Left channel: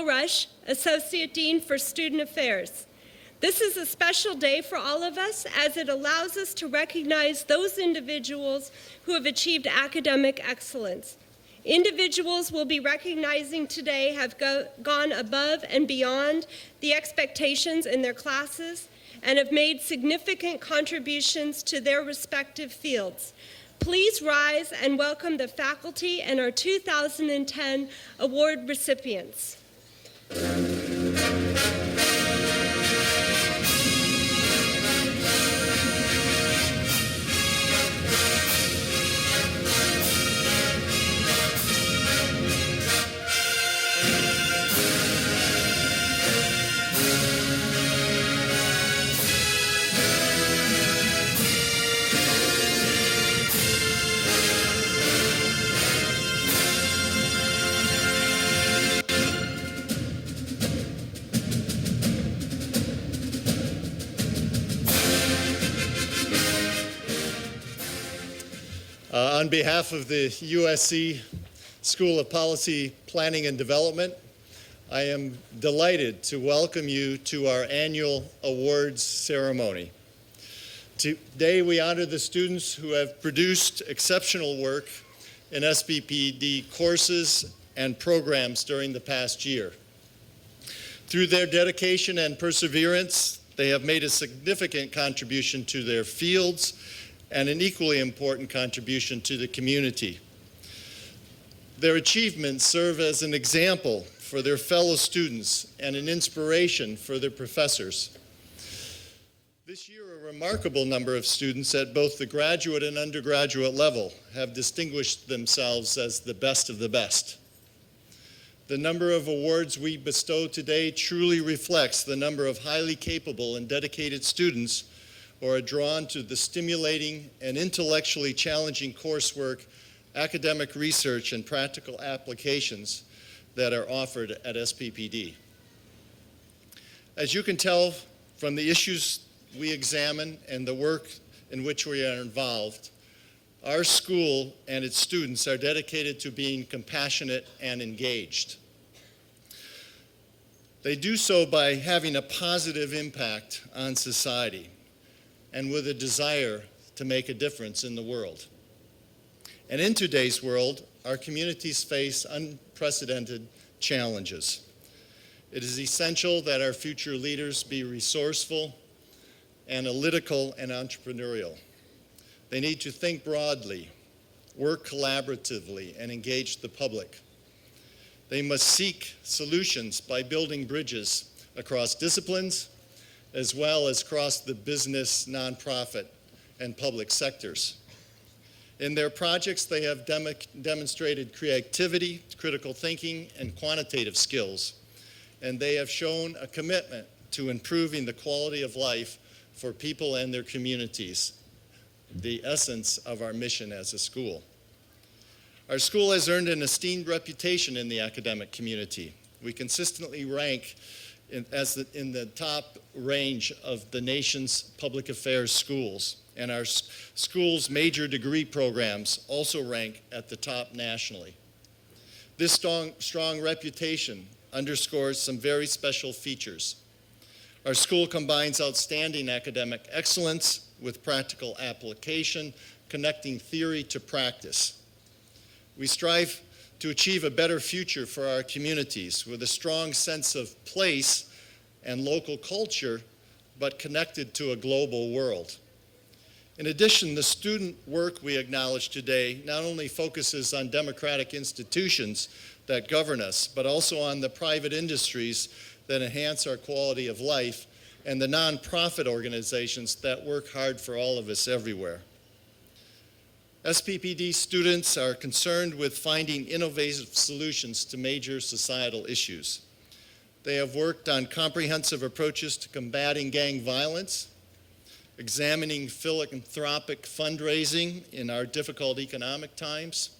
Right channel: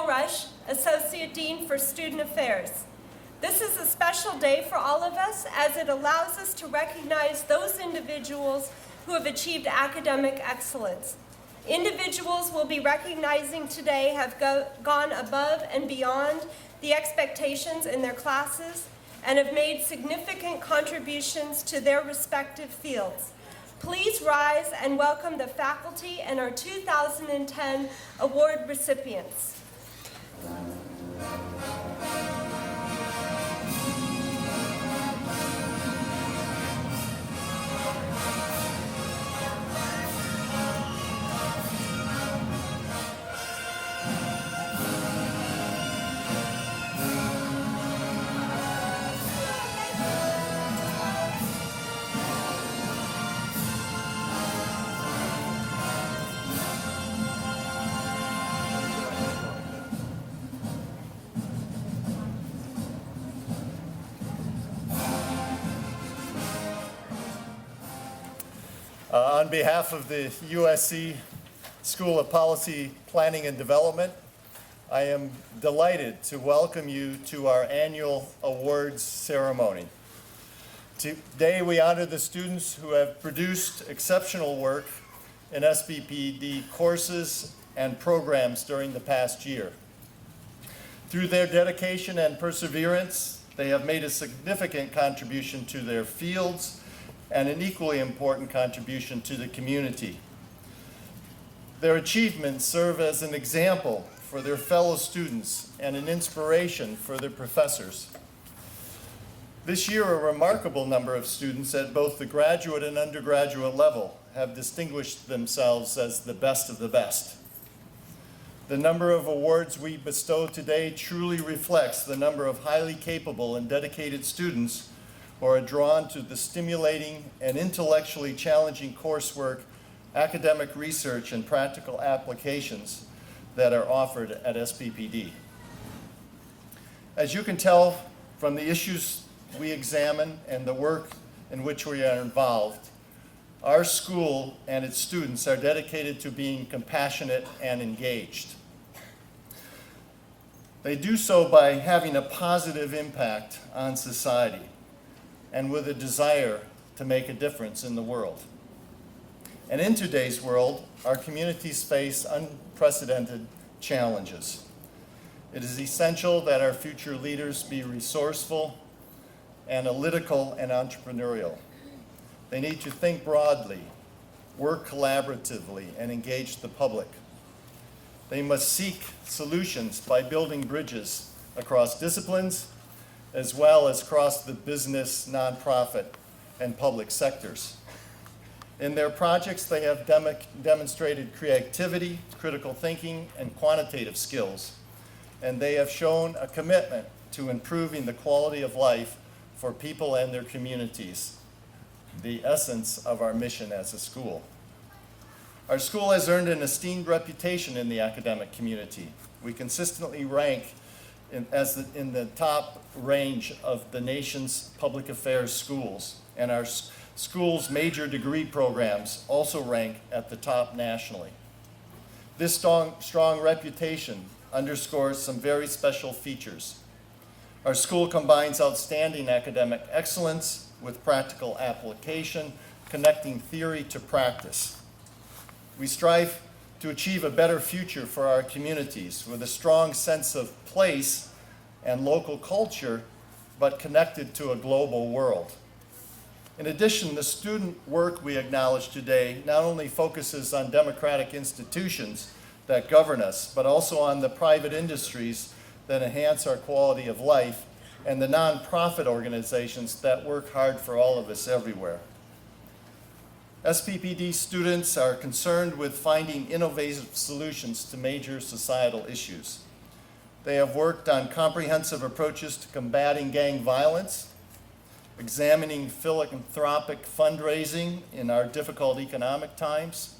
Cheryl Rush, Associate Dean for Student Affairs. This is a special day for all of us as it allows us to recognize those individuals who have achieved academic excellence. Individuals we'll be recognizing today have gone above and beyond the expectations in their classes and have made significant contributions to their respective fields. Please rise and welcome the faculty and our 2010 award recipients. On behalf of the USC School of Policy, Planning and Development, I am delighted to welcome you to our annual awards ceremony. Today we honor the students who have produced exceptional work in SPPD courses and programs during the past year. Through their dedication and perseverance, they have made a significant contribution to their fields and an equally important contribution to the community. Their achievements serve as an example for their fellow students and an inspiration for their professors. This year, a remarkable number of students at both the graduate and undergraduate level have distinguished themselves as the best of the best. The number of awards we bestow today truly reflects the number of highly capable and dedicated students who are drawn to the stimulating and intellectually challenging coursework, academic research, and practical applications that are offered at SPPD. As you can tell from the issues we examine and the work in which we are involved, our school and its students are dedicated to being compassionate and engaged. They do so by having a positive impact on society and with a desire to make a difference in the world. And in today's world, our communities face unprecedented challenges. It is essential that our future leaders be resourceful, analytical, and entrepreneurial. They need to think broadly, work collaboratively, and engage the public. They must seek solutions by building bridges across disciplines, as well as across the business, nonprofit, and public sectors. In their projects, they have demonstrated creativity, critical thinking, and quantitative skills, and they have shown a commitment to improving the quality of life for people and their communities, the essence of our mission as a school. Our school has earned an esteemed reputation in the academic community. We consistently rank in the top range of the nation's public affairs schools, and our school's major degree programs also rank at the top nationally. This strong reputation underscores some very special features. Our school combines outstanding academic excellence with practical application, connecting theory to practice. We strive to achieve a better future for our communities with a strong sense of place and local culture, but connected to a global world. In addition, the student work we acknowledge today not only focuses on democratic institutions that govern us, but also on the private industries that enhance our quality of life and the nonprofit organizations that work hard for all of us everywhere. SPPD students are concerned with finding innovative solutions to major societal issues. They have worked on comprehensive approaches to combating gang violence, examining philanthropic fundraising in our difficult economic times,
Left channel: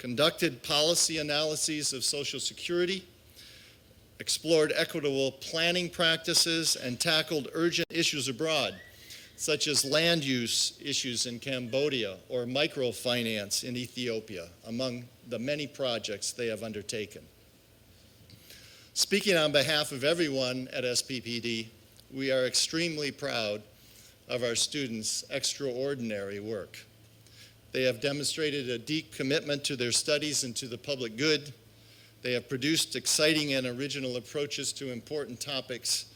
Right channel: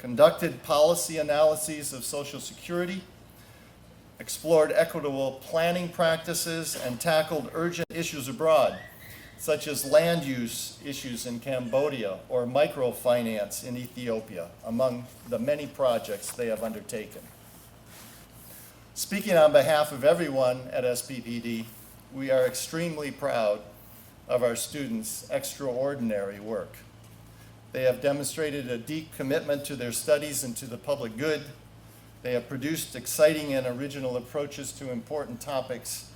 conducted policy analyses of Social Security, explored equitable planning practices, and tackled urgent issues abroad, such as land use issues in Cambodia or microfinance in Ethiopia, among the many projects they have undertaken. Speaking on behalf of everyone at SPPD, we are extremely proud of our students' extraordinary work. They have demonstrated a deep commitment to their studies and to the public good. They have produced exciting and original approaches to important topics,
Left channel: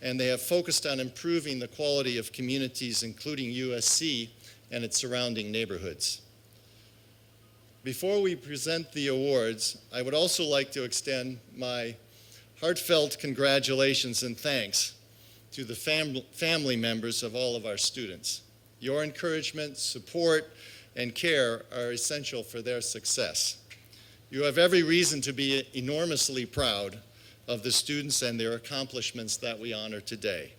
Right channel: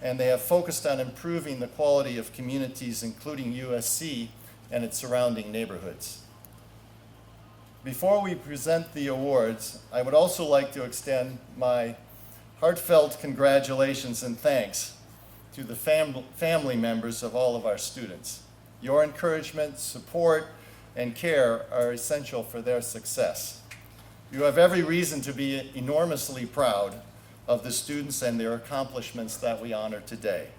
and they have focused on improving the quality of communities, including USC and its surrounding neighborhoods. Before we present the awards, I would also like to extend my heartfelt congratulations and thanks to the family members of all of our students. Your encouragement, support, and care are essential for their success. You have every reason to be enormously proud of the students and their accomplishments that we honor today.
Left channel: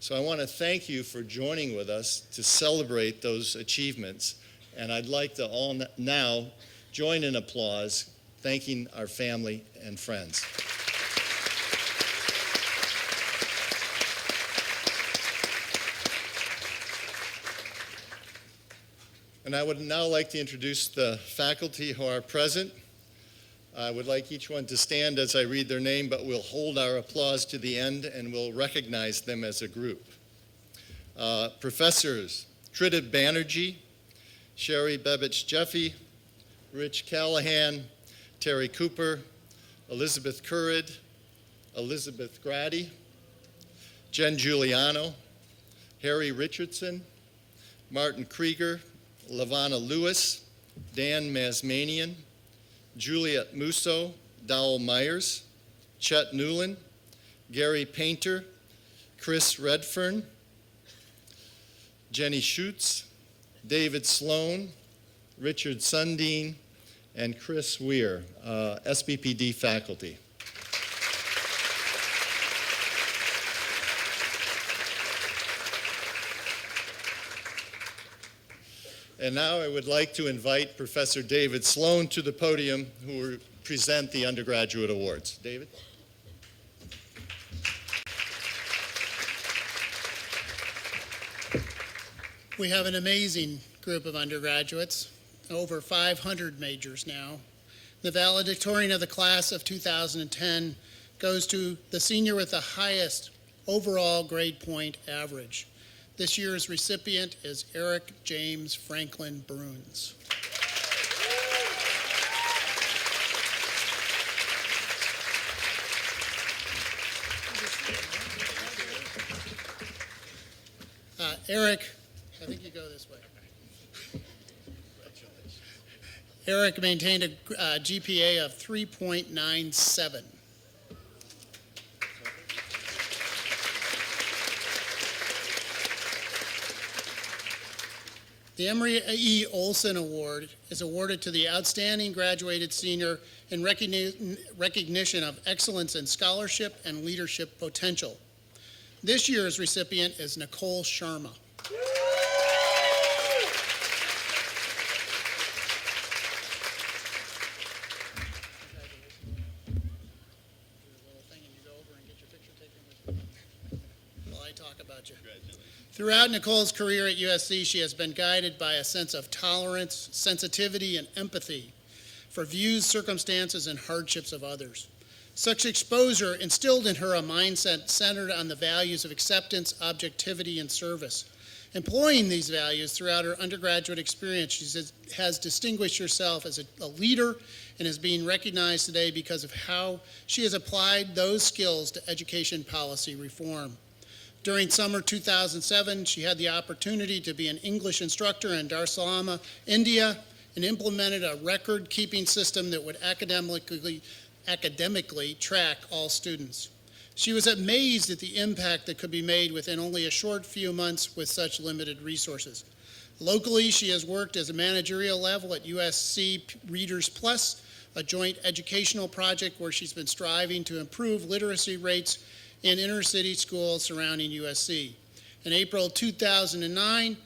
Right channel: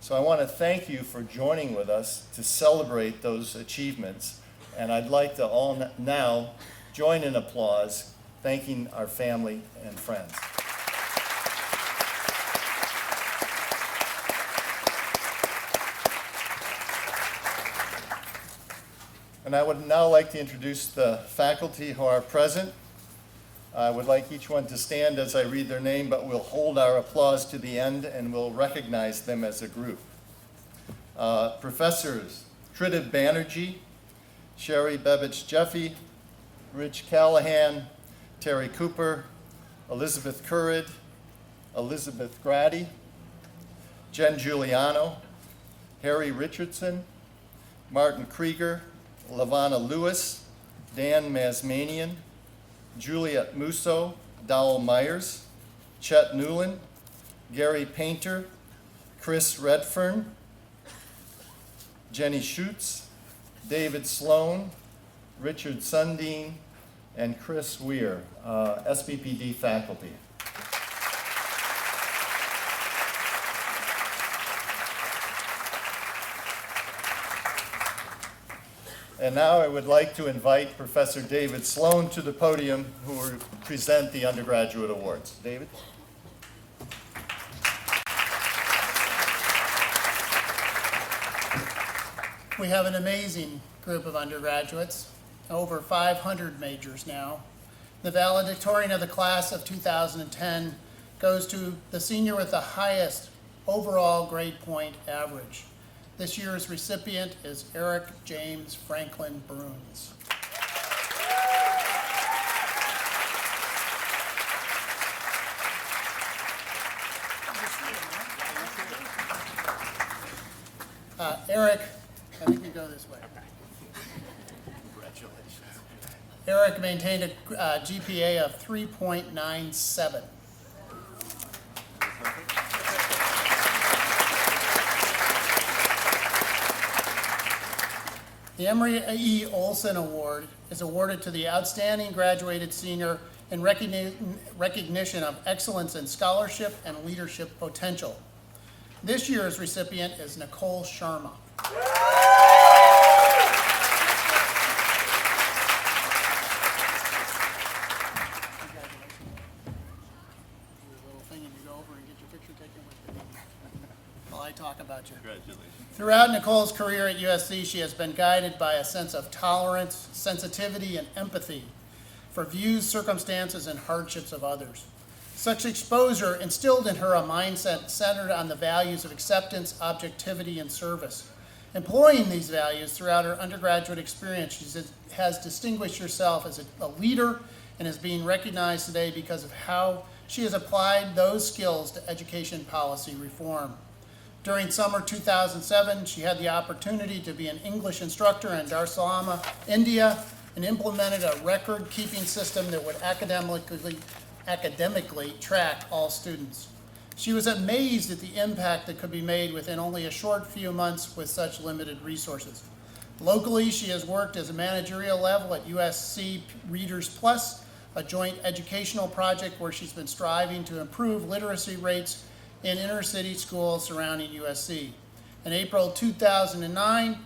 So I want to thank you for joining with us to celebrate those achievements, and I'd like to all now join in applause, thanking our family and friends. And I would now like to introduce the faculty who are present. I would like each one to stand as I read their name, but we'll hold our applause to the end and we'll recognize them as a group. Professors Trita Banerjee, Sherry Bebich-Jeffy, Rich Callahan, Terry Cooper, Elizabeth Currid, Elizabeth Grady, Jen Giuliano, Harry Richardson, Martin Krieger, Lavana Lewis, Dan Masmanian, Juliet Musso, Dowell Myers, Chet Newland, Gary Painter, Chris Redfern, Jenny Schutz, David Sloan, Richard Sundin, and Chris Weir, SPPD faculty. And now I would like to invite Professor David Sloan to the podium, who will present the undergraduate awards. David? We have an amazing group of undergraduates, over 500 majors now. The valedictorian of the class of 2010 goes to the senior with the highest overall grade point average. This year's recipient is Eric James Franklin Bruns. Eric, I think you go this way. Congratulations. Eric maintained a GPA of 3.97. The Emory E. Olson Award is awarded to the outstanding graduated senior in recognition of excellence in scholarship and leadership potential. This year's recipient is Nicole Sharma. Talk about you. Congratulations. Throughout Nicole's career at USC, she has been guided by a sense of tolerance, sensitivity, and empathy for views, circumstances, and hardships of others. Such exposure instilled in her a mindset centered on the values of acceptance, objectivity, and service. Employing these values throughout her undergraduate experience, she has distinguished herself as a leader and is being recognized today because of how she has applied those skills to education policy reform. During summer 2007, she had the opportunity to be an English instructor in Dar es Salaam, India, and implemented a record-keeping system that would academically track all students. She was amazed at the impact that could be made within only a short few months with such limited resources. Locally, she has worked as a managerial level at USC Readers Plus, a joint educational project where she's been striving to improve literacy rates in inner-city schools surrounding USC. In April 2009,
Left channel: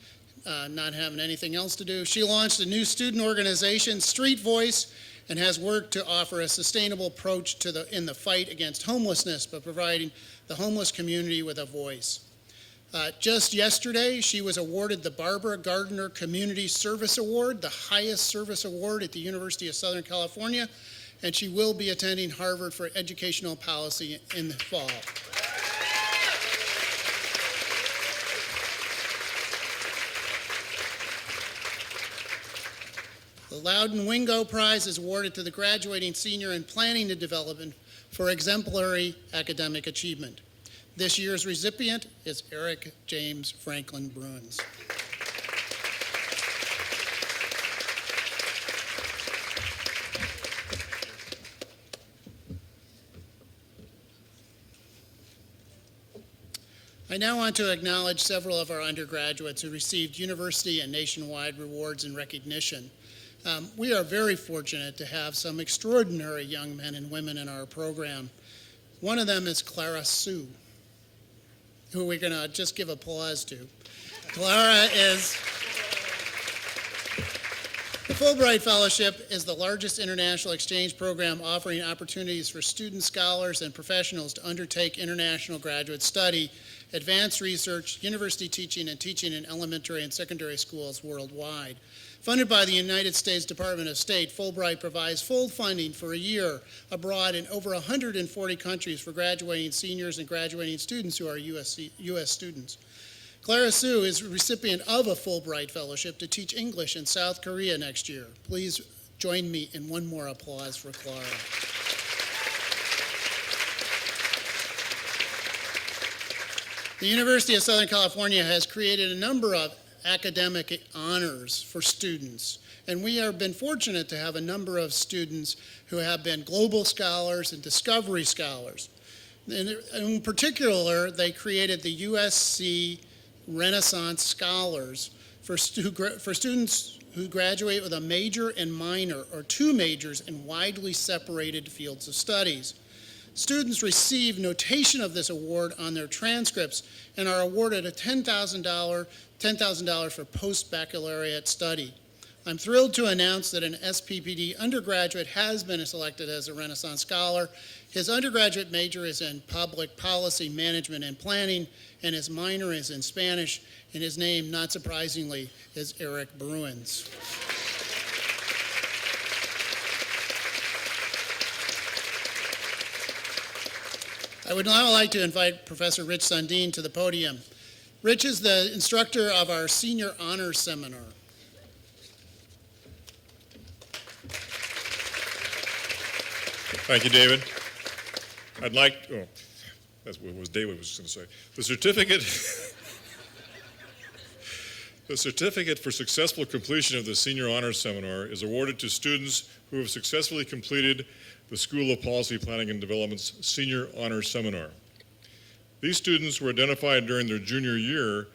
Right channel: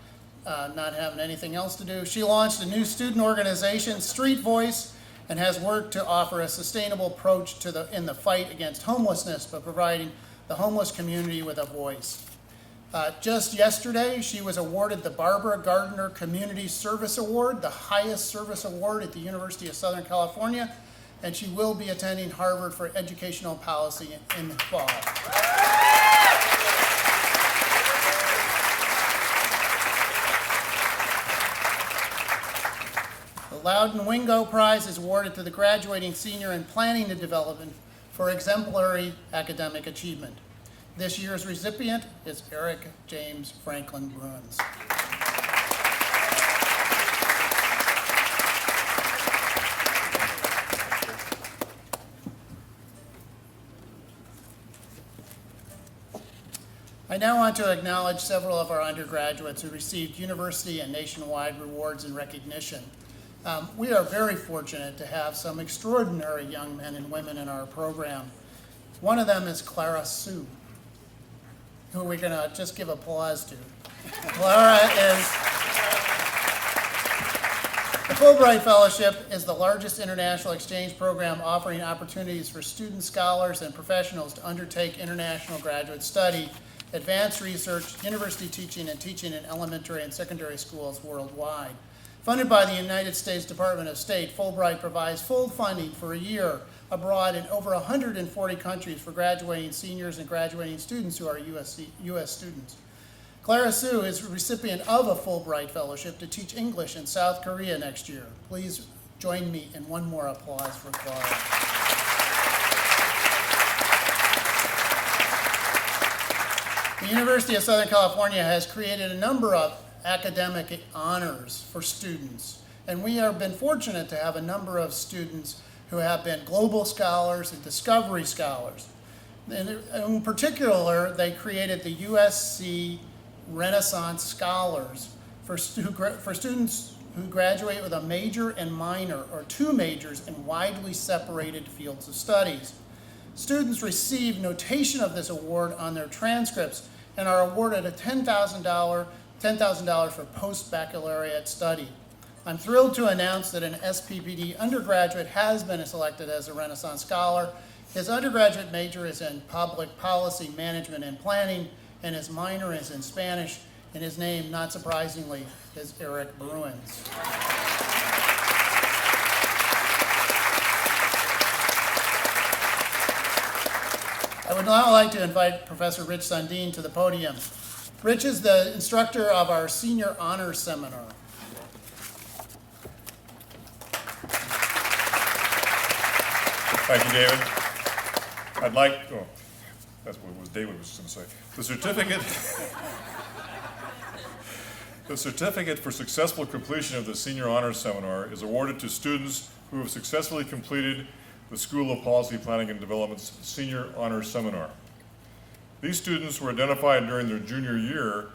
not having anything else to do, she launched a new student organization, Street Voice, and has worked to offer a sustainable approach in the fight against homelessness by providing the homeless community with a voice. Just yesterday, she was awarded the Barbara Gardner Community Service Award, the highest service award at the University of Southern California, and she will be attending Harvard for educational policy in the fall. The Loudon Wingo Prize is awarded to the graduating senior in planning and development for exemplary academic achievement. This year's recipient is Eric James Franklin Bruins. I now want to acknowledge several of our undergraduates who received university and nationwide rewards and recognition. We are very fortunate to have some extraordinary young men and women in our program. One of them is Clara Sue, who we're going to just give applause to. Clara is, the Fulbright Fellowship is the largest international exchange program offering opportunities for students, scholars, and professionals to undertake international graduate study, advanced research, university teaching, and teaching in elementary and secondary schools worldwide. Funded by the United States Department of State, Fulbright provides full funding for a year abroad in over 140 countries for graduating seniors and graduating students who are U.S. students. Clara Sue is a recipient of a Fulbright Fellowship to teach English in South Korea next year. Please join me in one more applause for Clara. The University of Southern California has created a number of academic honors for students, and we have been fortunate to have a number of students who have been global scholars and discovery scholars. In particular, they created the USC Renaissance Scholars for students who graduate with a major and minor, or two majors in widely separated fields of studies. Students receive notation of this award on their transcripts and are awarded a $10,000 for post-baccalaureate study. I'm thrilled to announce that an SPPD undergraduate has been selected as a Renaissance Scholar. His undergraduate major is in public policy management and planning, and his minor is in Spanish, and his name, not surprisingly, is Eric Bruins. I would now like to invite Professor Rich Sundin to the podium. Rich is the instructor of our Senior Honors Seminar. Thank you, David. I'd like, that's what David was going to say. The certificate for successful completion of the Senior Honors Seminar is awarded to students who have successfully completed the School of Policy Planning and Development's Senior Honors Seminar. These students were identified during their junior year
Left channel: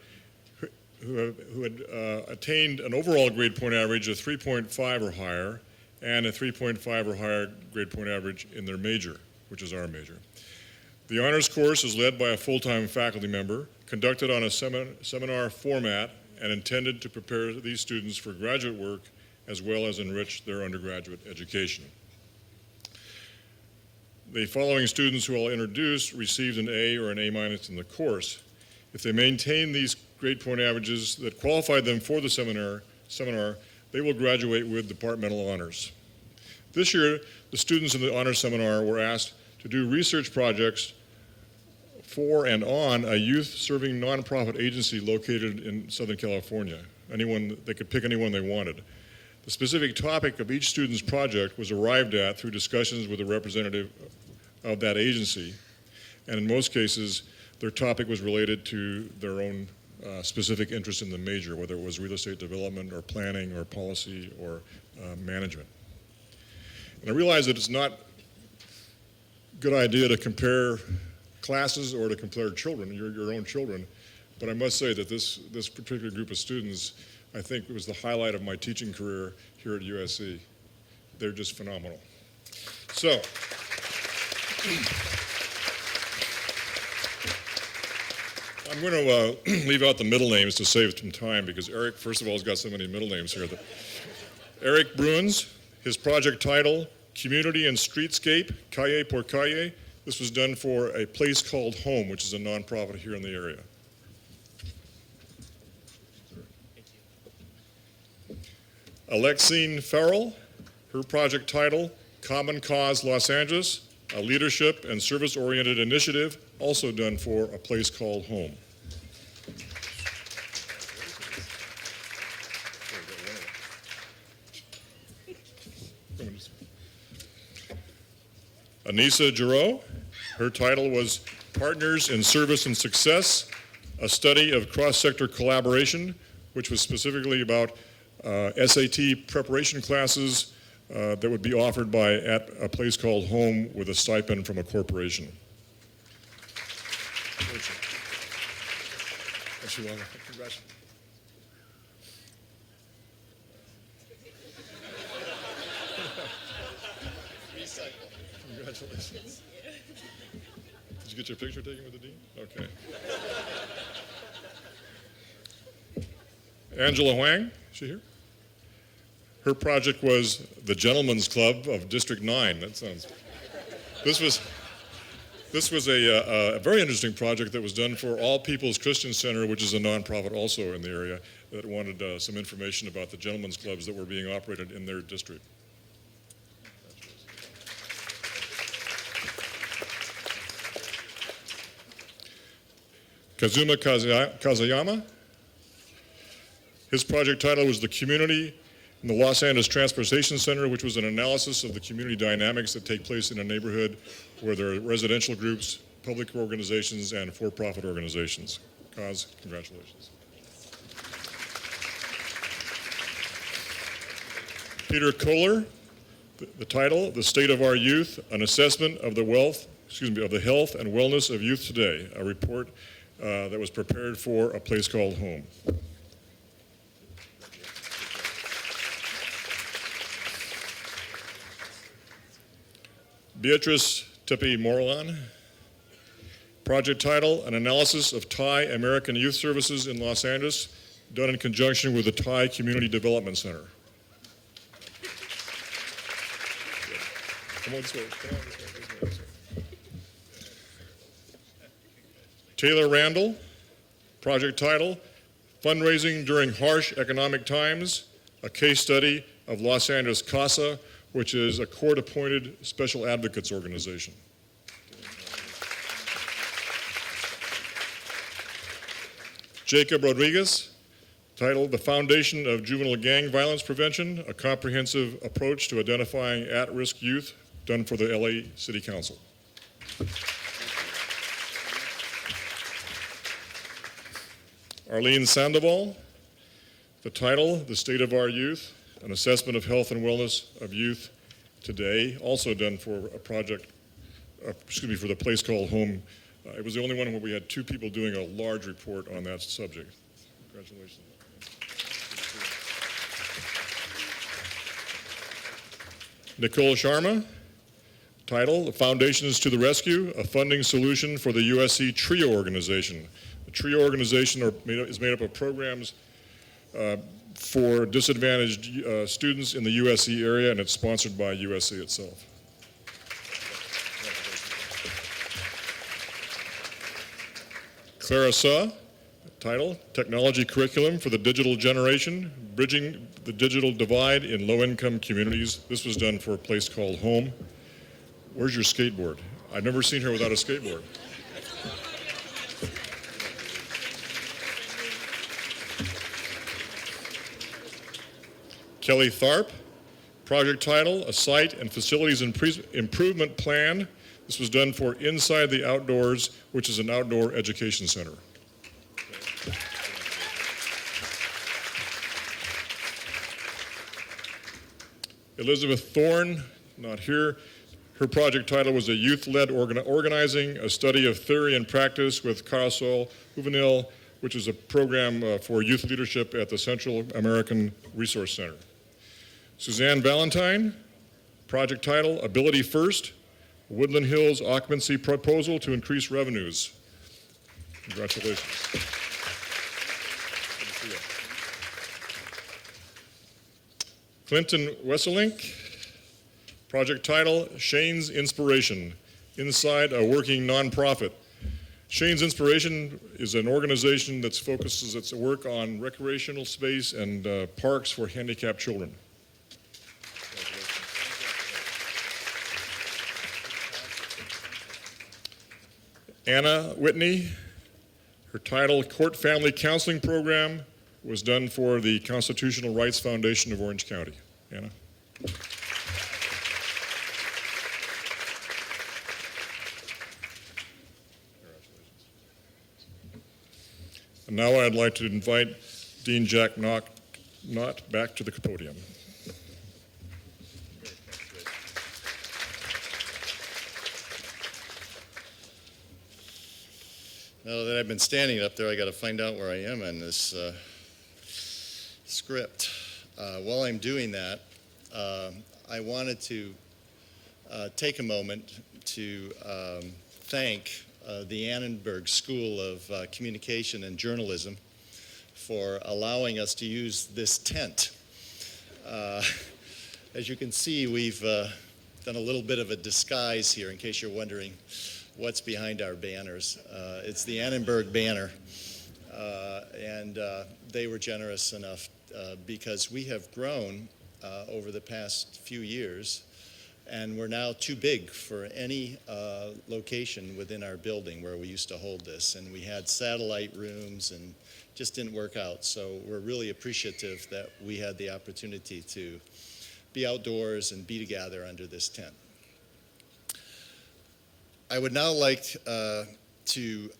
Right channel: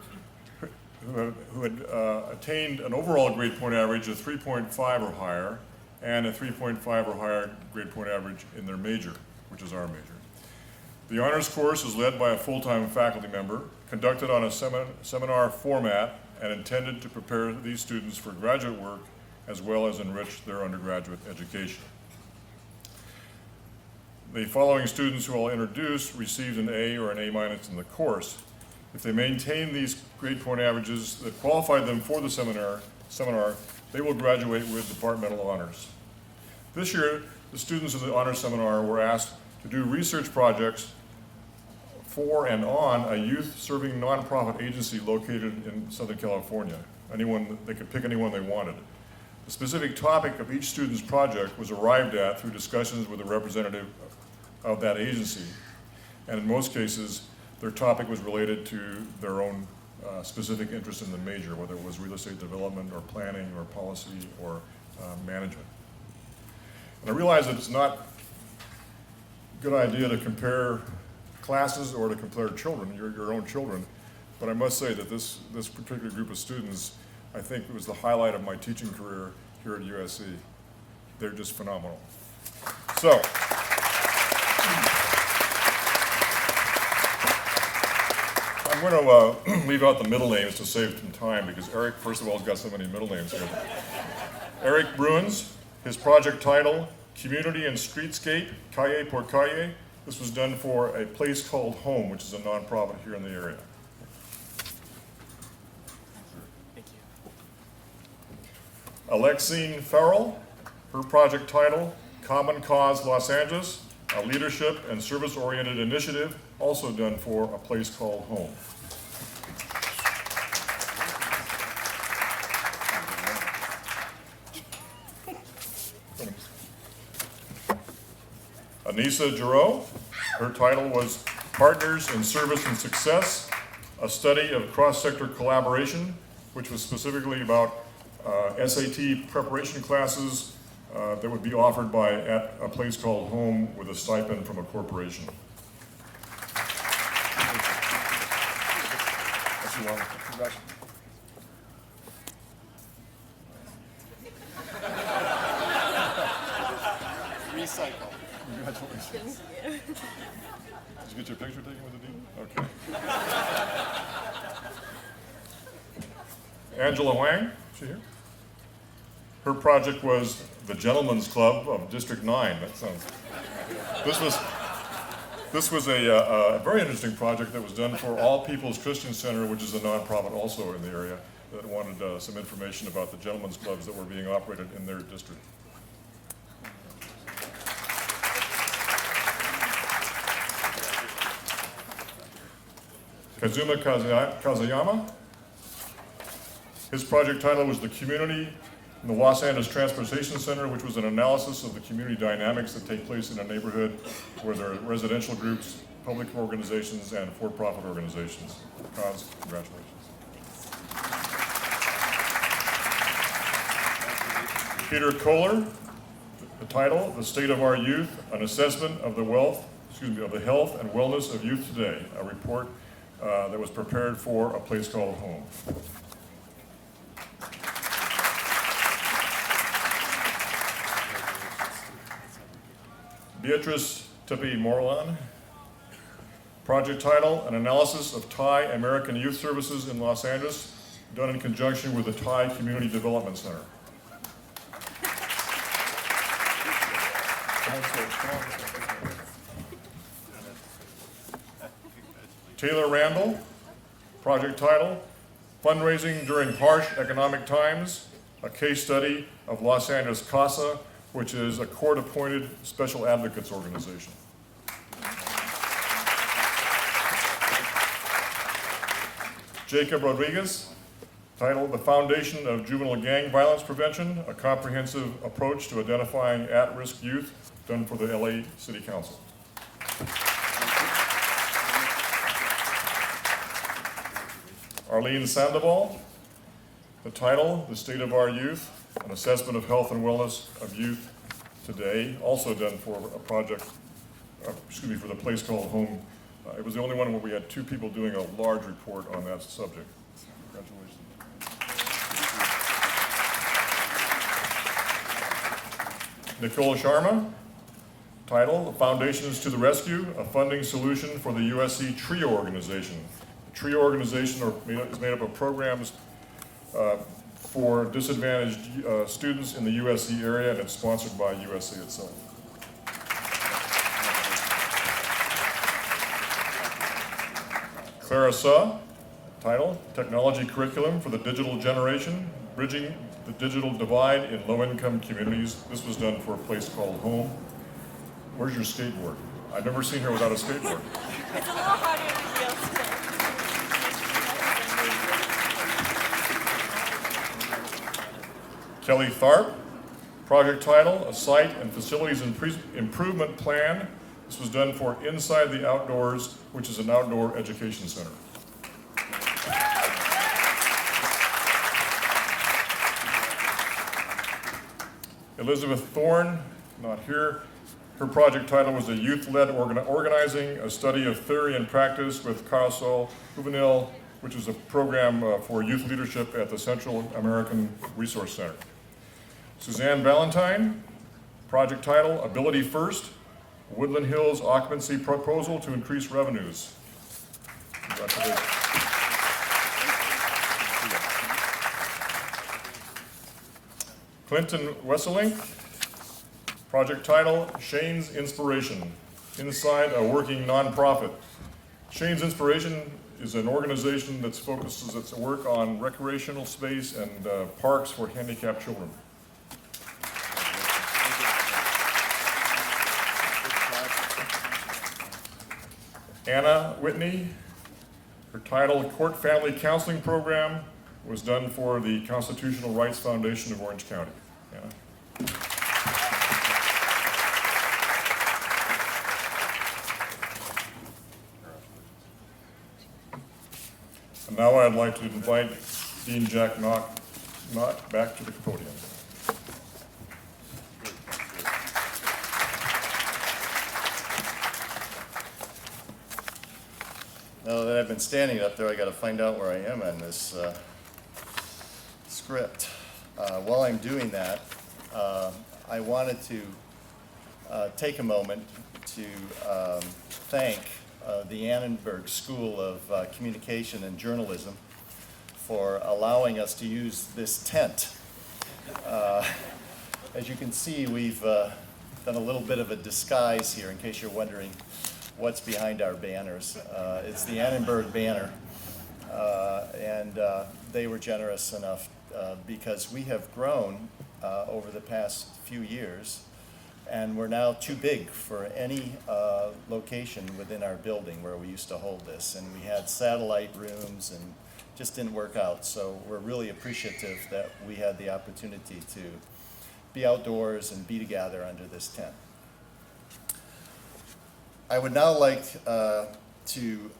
who had attained an overall grade point average of 3.5 or higher and a 3.5 or higher grade point average in their major, which is our major. The honors course is led by a full-time faculty member, conducted on a seminar format, and intended to prepare these students for graduate work as well as enrich their undergraduate education. The following students who I'll introduce received an A or an A- in the course. If they maintain these grade point averages that qualified them for the seminar, they will graduate with departmental honors. This year, the students of the honors seminar were asked to do research projects for and on a youth-serving nonprofit agency located in Southern California. They could pick anyone they wanted. The specific topic of each student's project was arrived at through discussions with a representative of that agency, and in most cases, their topic was related to their own specific interest in the major, whether it was real estate development or planning or policy or management. And I realize that it's not a good idea to compare classes or to compare children, your own children, but I must say that this particular group of students, I think, was the highlight of my teaching career here at USC. They're just phenomenal. So, I'm going to leave out the middle names to save some time because Eric, first of all, has got so many middle names here. Eric Bruins, his project title, Community and Streetscape, Calle por Calle. This was done for a place called Home, which is a nonprofit here in the area. Alexine Farrell, her project title, Common Cause Los Angeles, a leadership and service-oriented initiative, also done for A Place Called Home. Anissa Giroux, her title was Partners in Service and Success, a study of cross-sector collaboration, which was specifically about SAT preparation classes that would be offered at A Place Called Home with a stipend from a corporation. Recycle. Congratulations. Did you get your picture taken with the dean? Okay. Angela Huang, is she here? Her project was the Gentlemen's Club of District 9. That sounds. This was a very interesting project that was done for All People's Christian Center, which is a nonprofit also in the area, that wanted some information about the gentlemen's clubs that were being operated in their district. Kazuma Kazayama. His project title was The Community in the Los Angeles Transportation Center, which was an analysis of the community dynamics that take place in a neighborhood where there are residential groups, public organizations, and for-profit organizations. Kaz, congratulations. Peter Kohler, the title, The State of Our Youth, an assessment of the health and wellness of youth today, a report that was prepared for A Place Called Home. Beatrice Tepe-Morlan, project title, An Analysis of Thai American Youth Services in Los Angeles, done in conjunction with the Thai Community Development Center. Taylor Randall, project title, Fundraising During Harsh Economic Times, a case study of Los Angeles CASA, which is a court-appointed special advocates organization. Jacob Rodriguez, titled The Foundation of Juvenile Gang Violence Prevention, a comprehensive approach to identifying at-risk youth, done for the LA City Council. Arlene Sandoval, the title, The State of Our Youth, an assessment of health and wellness of youth today, also done for a project, for the Place Called Home. It was the only one where we had two people doing a large report on that subject. Congratulations. Nicole Sharma, title, The Foundations to the Rescue, a funding solution for the USC TRIO organization. The TRIO organization is made up of programs for disadvantaged students in the USC area, and it's sponsored by USC itself. Clara Suh, title, Technology Curriculum for the Digital Generation, Bridging the Digital Divide in Low-Income Communities. This was done for A Place Called Home. Where's your skateboard? I've never seen her without a skateboard. It's a little harder to Kelly Tharp, project title, A Site and Facilities Improvement Plan. This was done for Inside the Outdoors, which is an outdoor education center. Elizabeth Thorne, not here. Her project title was A Youth-Led Organizing, a Study of Theory and Practice with Carousel Juvenil, which is a program for youth leadership at the Central American Resource Center. Suzanne Valentine, project title, Ability First, Woodland Hills Occupancy Proposal to Increase Revenues. Congratulations. Clinton Wesselink, project title, Shane's Inspiration, Inside a Working Nonprofit. Shane's Inspiration is an organization that focuses its work on recreational space and parks for handicapped children. Anna Whitney. Her title, Court Family Counseling Program, was done for the Constitutional Rights Foundation of Orange County. Anna. And now I'd like to invite Dean Jack Knott back to the podium. Now that I've been standing up there, I got to find out where I am on this script. While I'm doing that, I wanted to take a moment to thank the Annenberg School of Communication and Journalism for allowing us to use this tent. As you can see, we've done a little bit of a disguise here, in case you're wondering what's behind our banners. It's the Annenberg banner, and they were generous enough because we have grown over the past few years, and we're now too big for any location within our building where we used to hold this, and we had satellite rooms and just didn't work out. So we're really appreciative that we had the opportunity to be outdoors and be together under this tent. I would now like to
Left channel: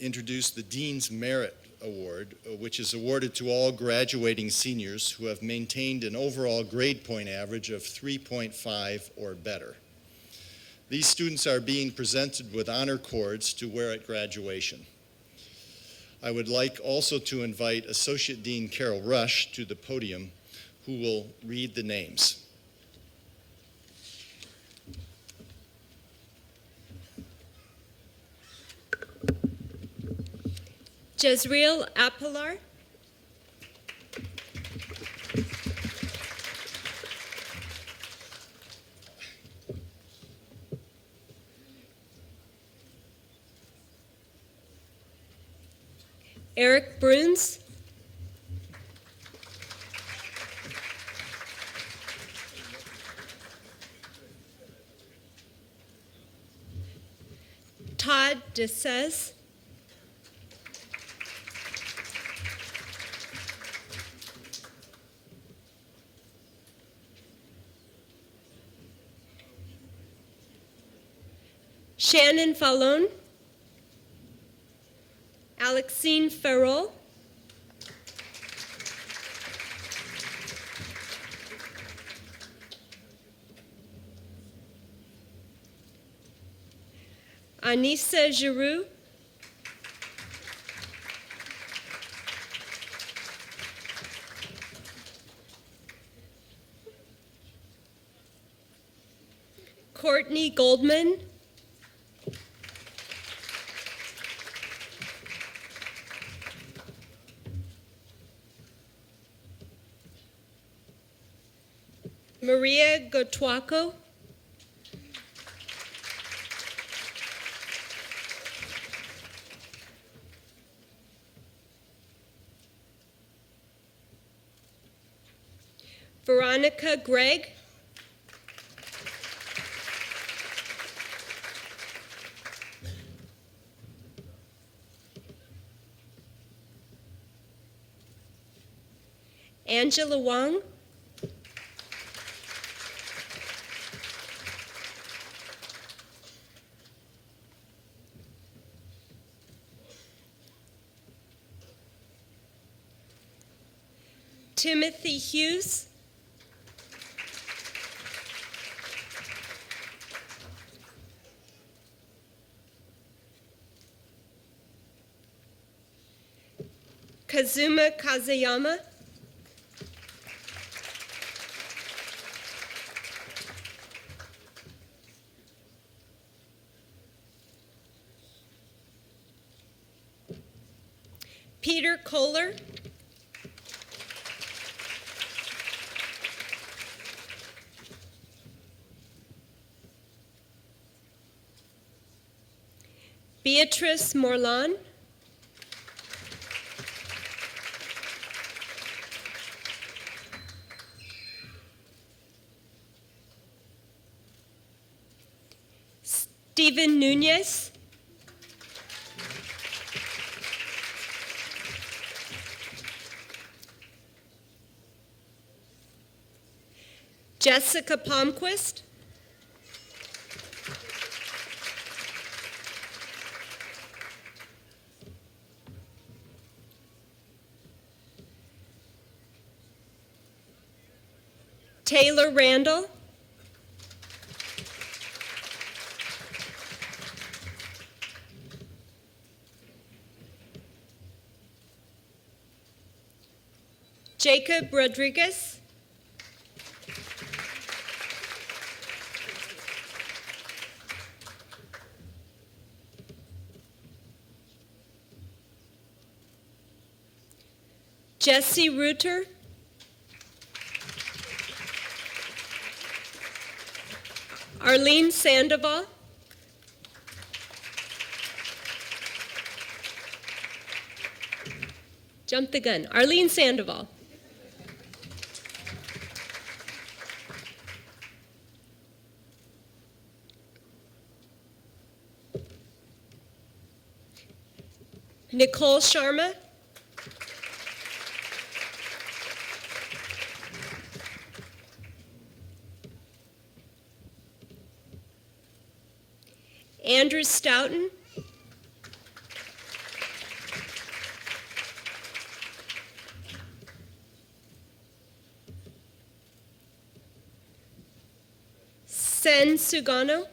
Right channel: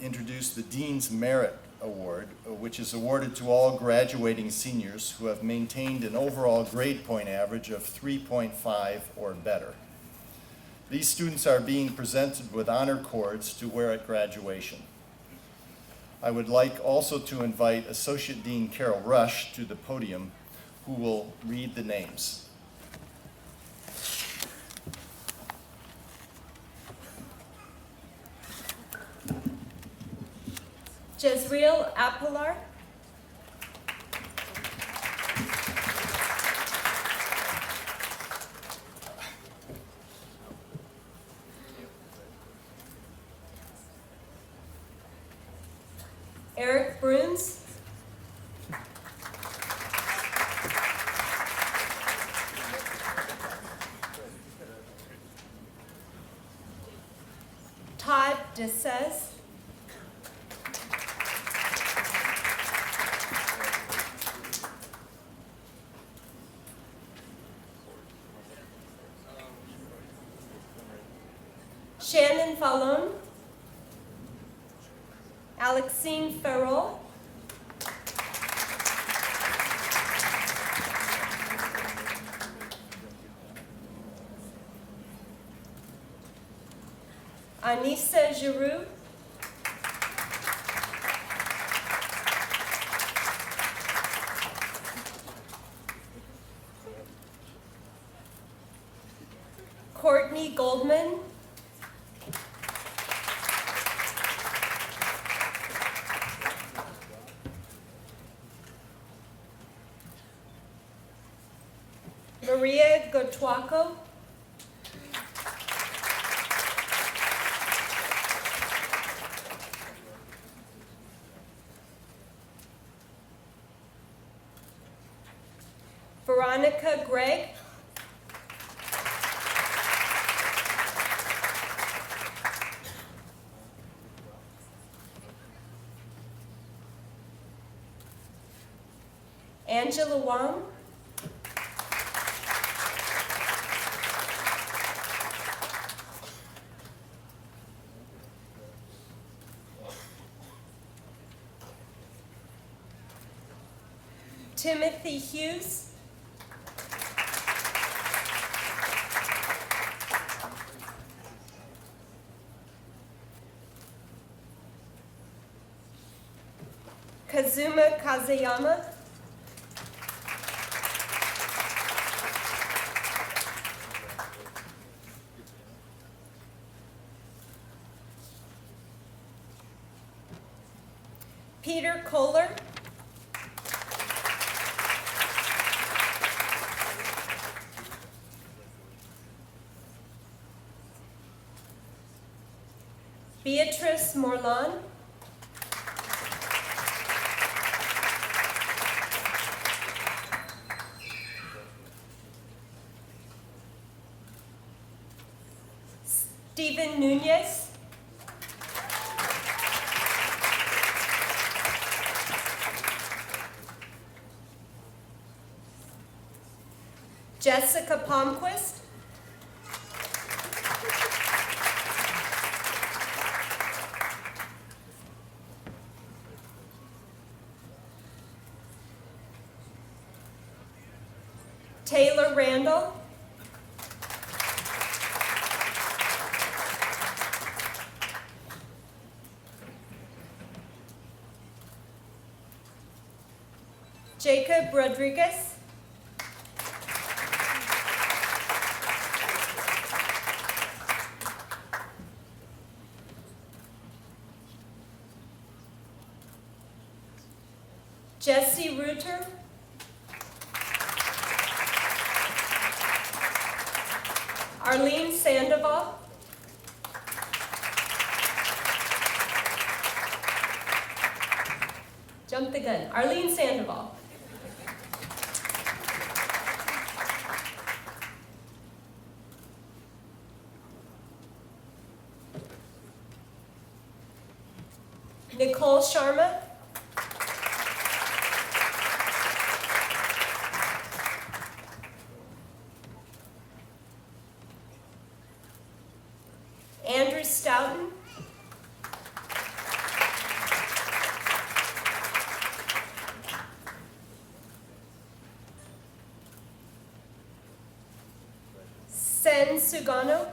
introduce the Dean's Merit Award, which is awarded to all graduating seniors who have maintained an overall grade point average of 3.5 or better. These students are being presented with honor cords to wear at graduation. I would like also to invite Associate Dean Carol Rush to the podium, who will read the names. Jezreel Apilar. Eric Bruns. Todd DeSez. Shannon Fallon. Alexine Farrell. Anissa Giroux. Courtney Goldman. Maria Gotuaco. Veronica Gregg. Angela Wang. Timothy Hughes. Kazuma Kazayama. Peter Kohler. Beatrice Morlan. Stephen Nunez. Jessica Palmquist. Taylor Randall. Jacob Rodriguez. Jesse Reuter. Arlene Sandoval. Jump the gun. Arlene Sandoval. Nicole Sharma. Andrew Stoughton. Sen Sugano.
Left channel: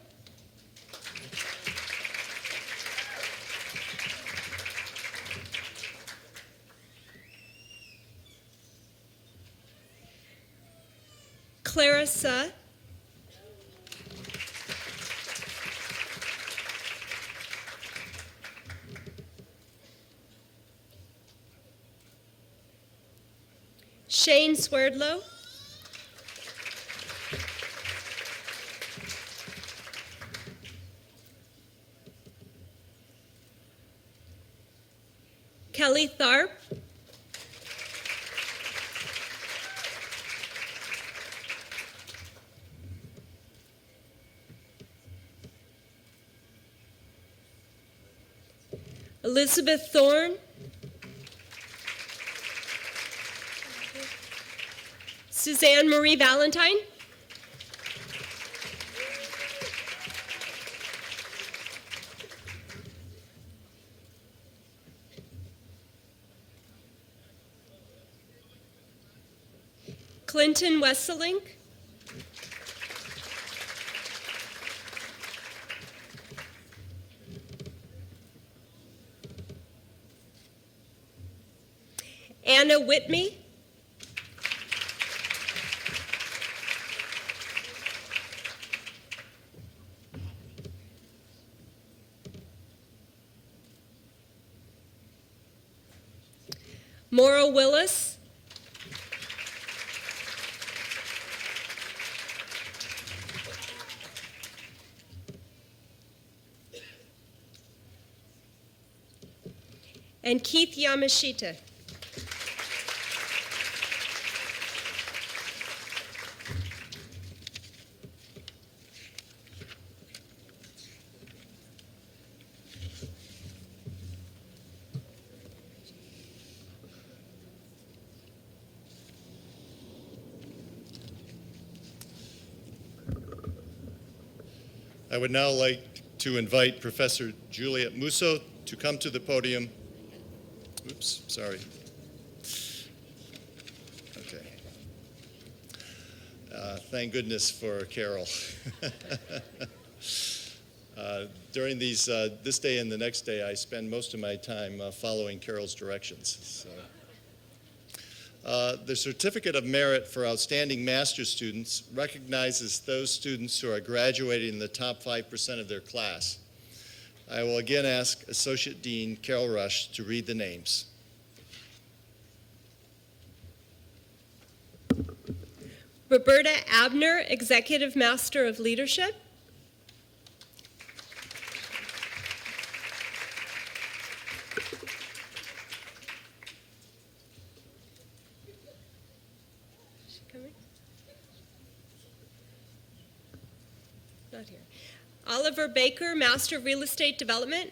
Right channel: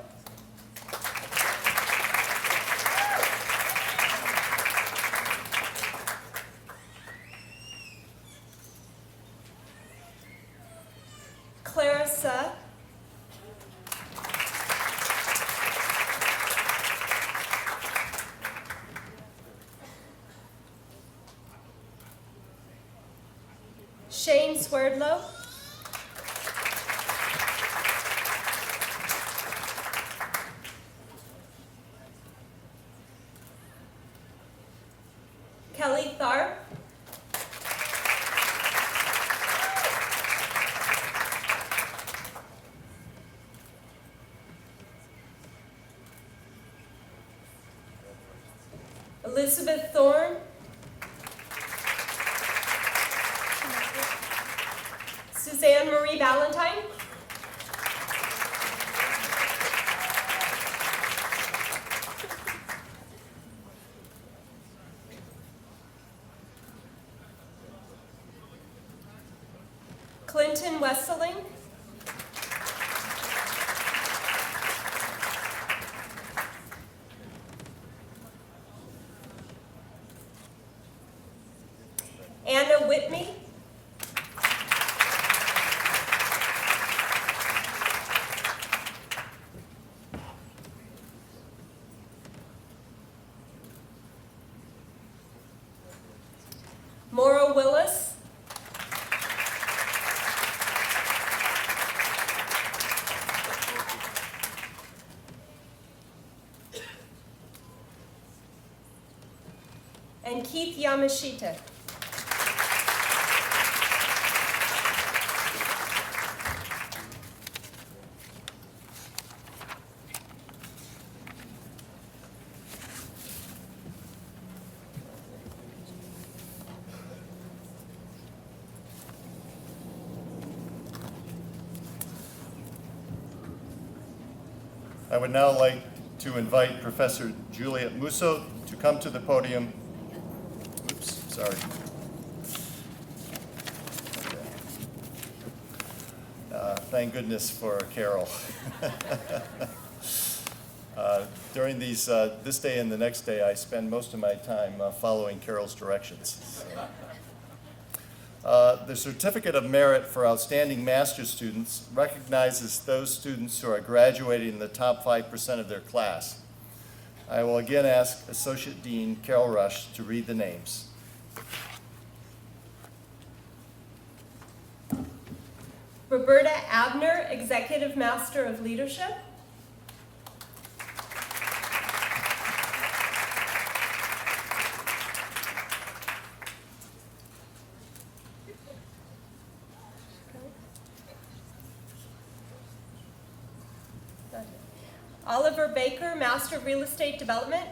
Clarissa. Shane Swerdlow. Kelly Tharp. Elizabeth Thorne. Suzanne Marie Valentine. Clinton Wesseling. Anna Whitney. Maura Willis. And Keith Yamashita. I would now like to invite Professor Juliet Musso to come to the podium. Oops, sorry. Thank goodness for Carol. During these, this day and the next day, I spend most of my time following Carol's directions. The Certificate of Merit for Outstanding Master's Students recognizes those students who are graduating in the top 5% of their class. I will again ask Associate Dean Carol Rush to read the names. Roberta Abner, Executive Master of Leadership. Oliver Baker, Master of Real Estate Development.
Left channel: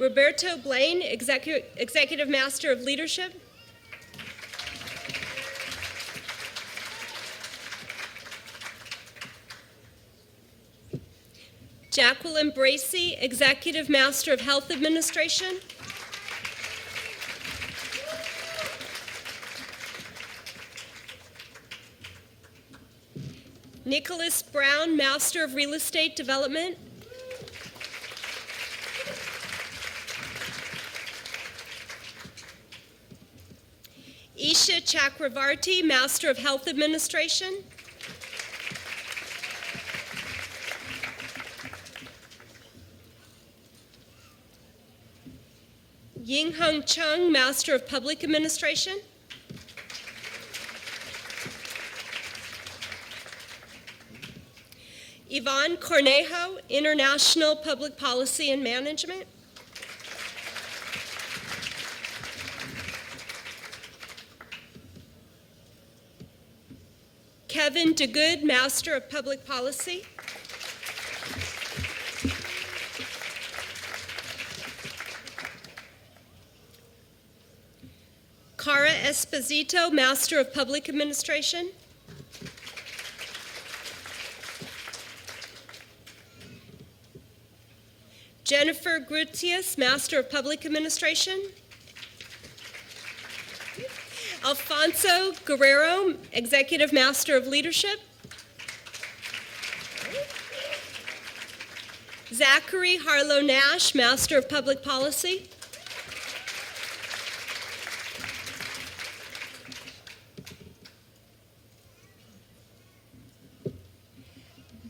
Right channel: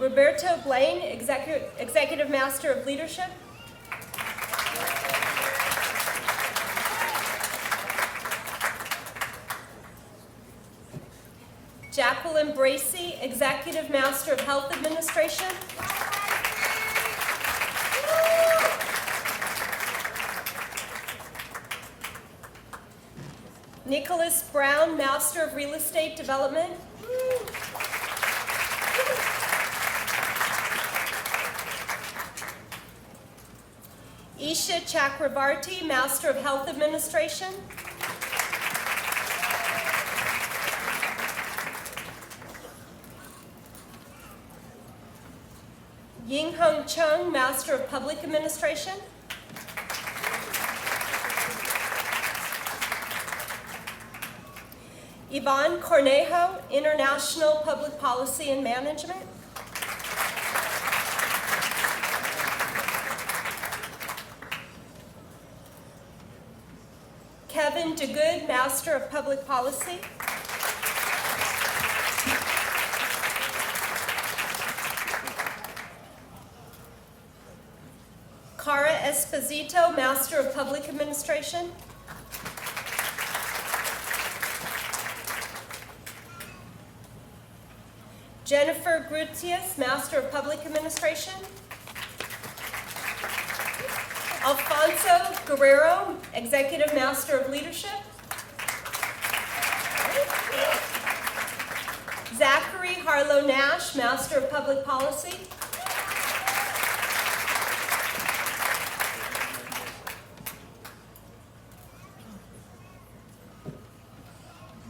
Roberto Blaine, Executive Master of Leadership. Jacqueline Bracey, Executive Master of Health Administration. Nicholas Brown, Master of Real Estate Development. Isha Chakravarti, Master of Health Administration. Yinghong Chung, Master of Public Administration. Yvonne Cornejo, International Public Policy and Management. Kevin DeGood, Master of Public Policy. Cara Esposito, Master of Public Administration. Jennifer Grutius, Master of Public Administration. Alfonso Guerrero, Executive Master of Leadership. Zachary Harlow Nash, Master of Public Policy.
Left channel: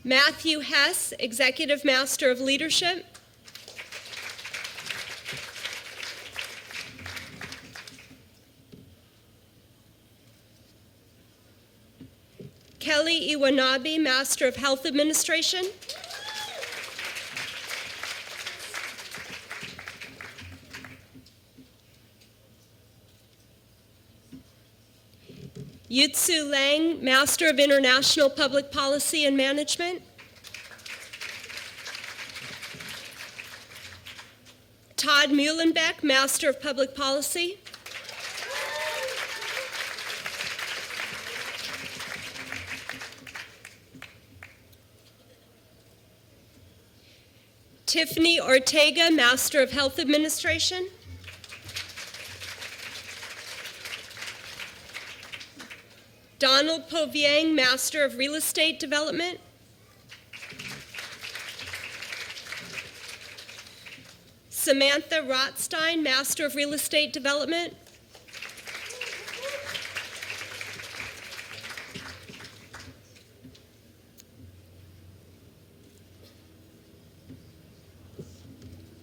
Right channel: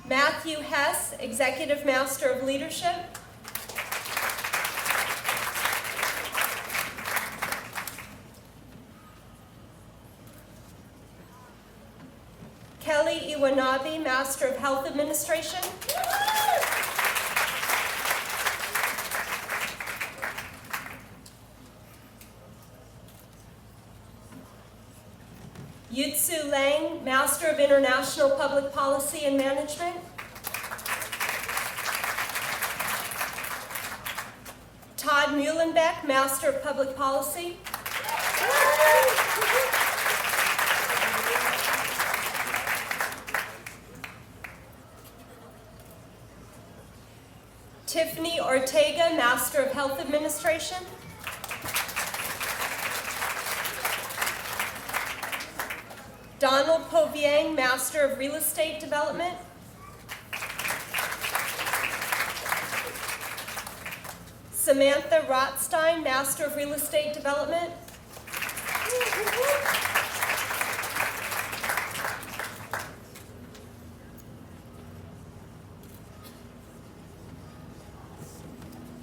Matthew Hess, Executive Master of Leadership. Kelly Iwanabe, Master of Health Administration. Yutsu Lang, Master of International Public Policy and Management. Todd Muhlenbeck, Master of Public Policy. Tiffany Ortega, Master of Health Administration. Donald Poviang, Master of Real Estate Development. Samantha Rothstein, Master of Real Estate Development.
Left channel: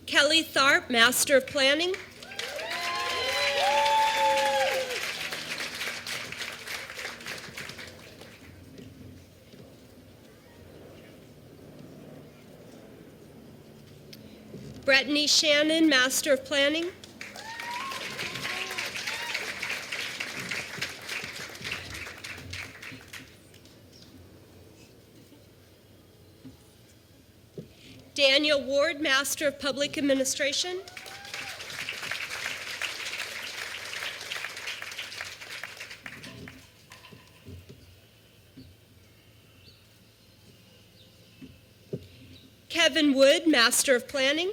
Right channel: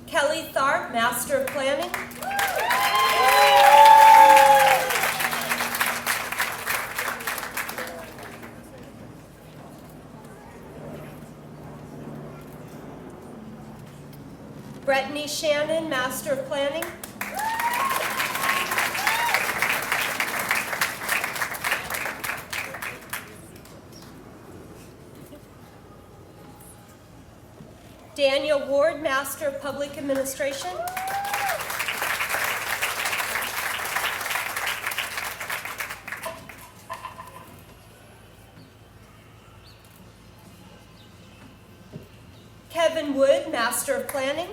Kelly Tharp, Master of Planning. Brittany Shannon, Master of Planning. Daniel Ward, Master of Public Administration. Kevin Wood, Master of Planning.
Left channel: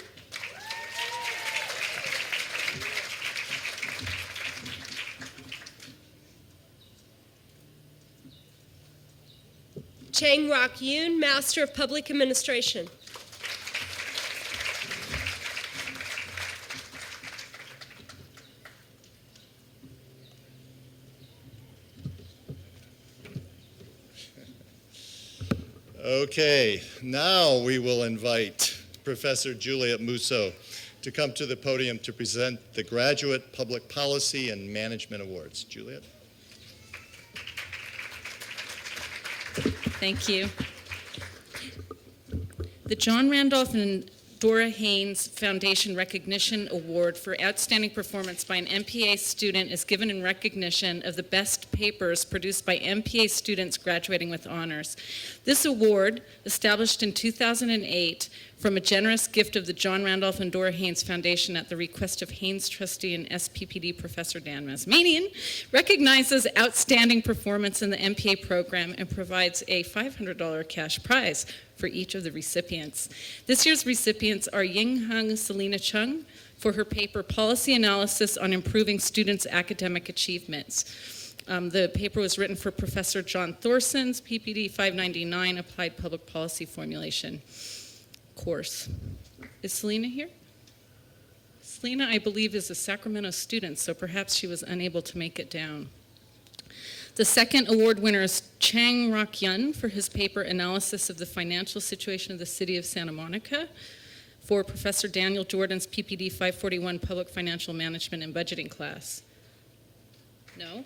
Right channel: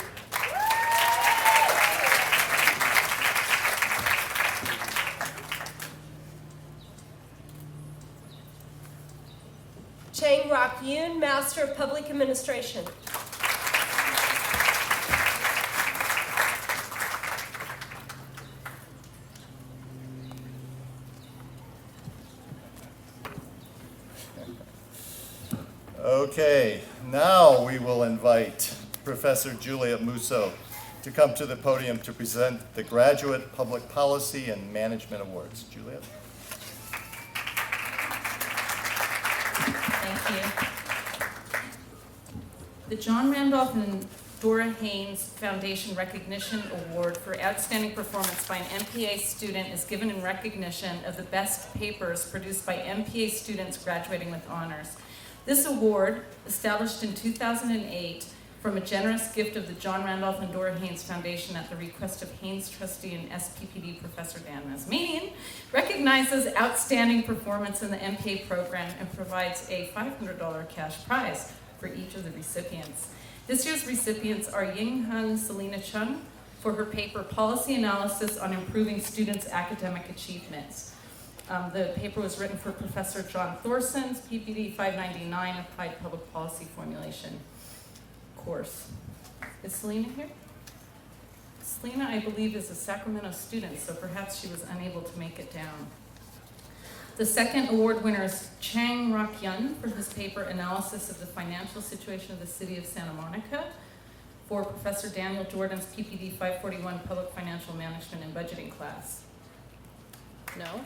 Chang Rock Yoon, Master of Public Administration. Okay, now we will invite Professor Juliet Musso to come to the podium to present the Graduate Public Policy and Management Awards. Juliet? Thank you. The John Randolph and Dora Haynes Foundation Recognition Award for Outstanding Performance by an MPA student is given in recognition of the best papers produced by MPA students graduating with honors. This award, established in 2008 from a generous gift of the John Randolph and Dora Haynes Foundation at the request of Haynes trustee and SPPD Professor Dan Masmanian, recognizes outstanding performance in the MPA program and provides a $500 cash prize for each of the recipients. This year's recipients are Ying Hung Selena Chung for her paper Policy Analysis on Improving Students' Academic Achievements. The paper was written for Professor John Thorson's PPD 599 Applied Public Policy Formulation course. Is Selena here? Selena, I believe, is a Sacramento student, so perhaps she was unable to make it down. The second award winner is Chang Rock Yun for his paper Analysis of the Financial Situation of the City of Santa Monica for Professor Daniel Jordan's PPD 541 Public Financial Management and Budgeting class. No?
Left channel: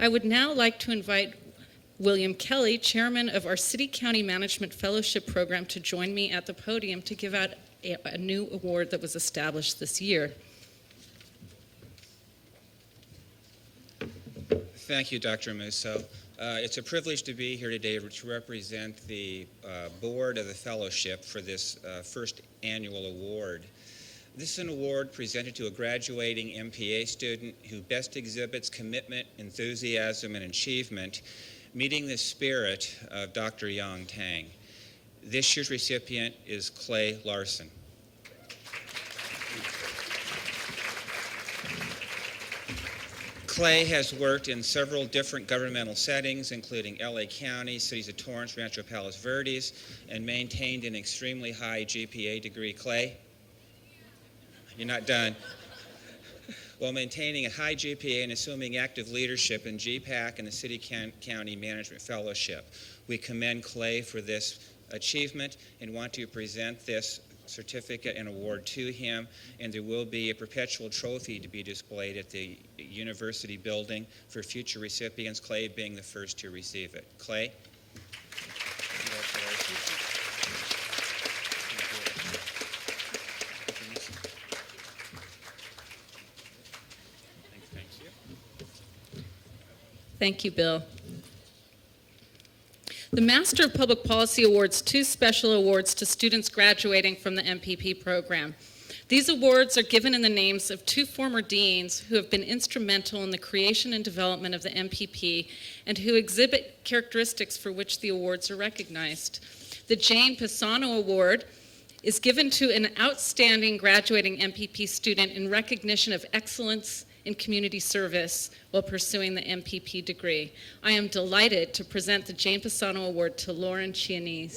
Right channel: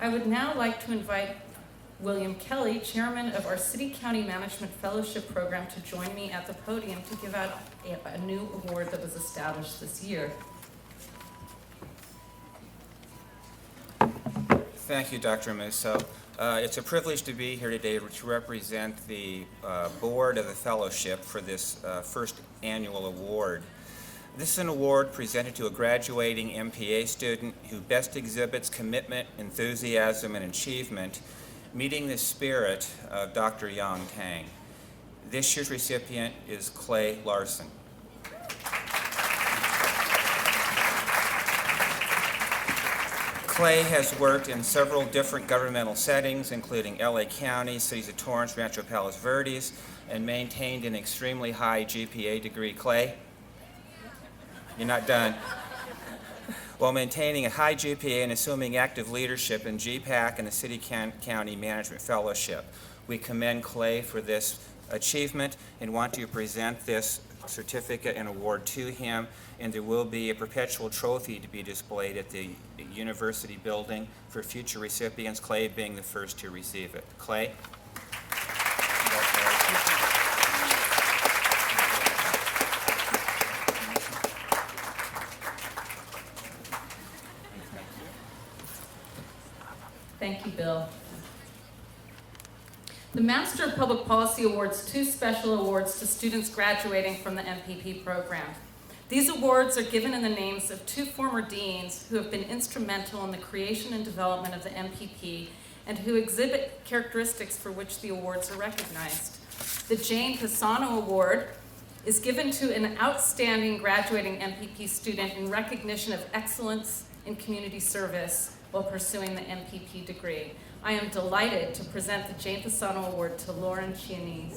I would now like to invite William Kelly, chairman of our City County Management Fellowship Program, to join me at the podium to give out a new award that was established this year. Thank you, Dr. Musso. It's a privilege to be here today to represent the board of the fellowship for this first annual award. This is an award presented to a graduating MPA student who best exhibits commitment, enthusiasm, and achievement, meeting the spirit of Dr. Yang Tang. This year's recipient is Clay Larson. Clay has worked in several different governmental settings, including LA County, cities of Torrance, Rancho Palos Verdes, and maintained an extremely high GPA degree. Clay? You're not done. While maintaining a high GPA and assuming active leadership in GPAC and the City County Management Fellowship. We commend Clay for this achievement and want to present this certificate and award to him, and there will be a perpetual trophy to be displayed at the university building for future recipients, Clay being the first to receive it. Clay? Thank you, Bill. The Master of Public Policy awards 2 special awards to students graduating from the MPP program. These awards are given in the names of 2 former deans who have been instrumental in the creation and development of the MPP and who exhibit characteristics for which the awards are recognized. The Jane Pisano Award is given to an outstanding graduating MPP student in recognition of excellence in community service while pursuing the MPP degree. I am delighted to present the Jane Pisano Award to Lauren Chianese.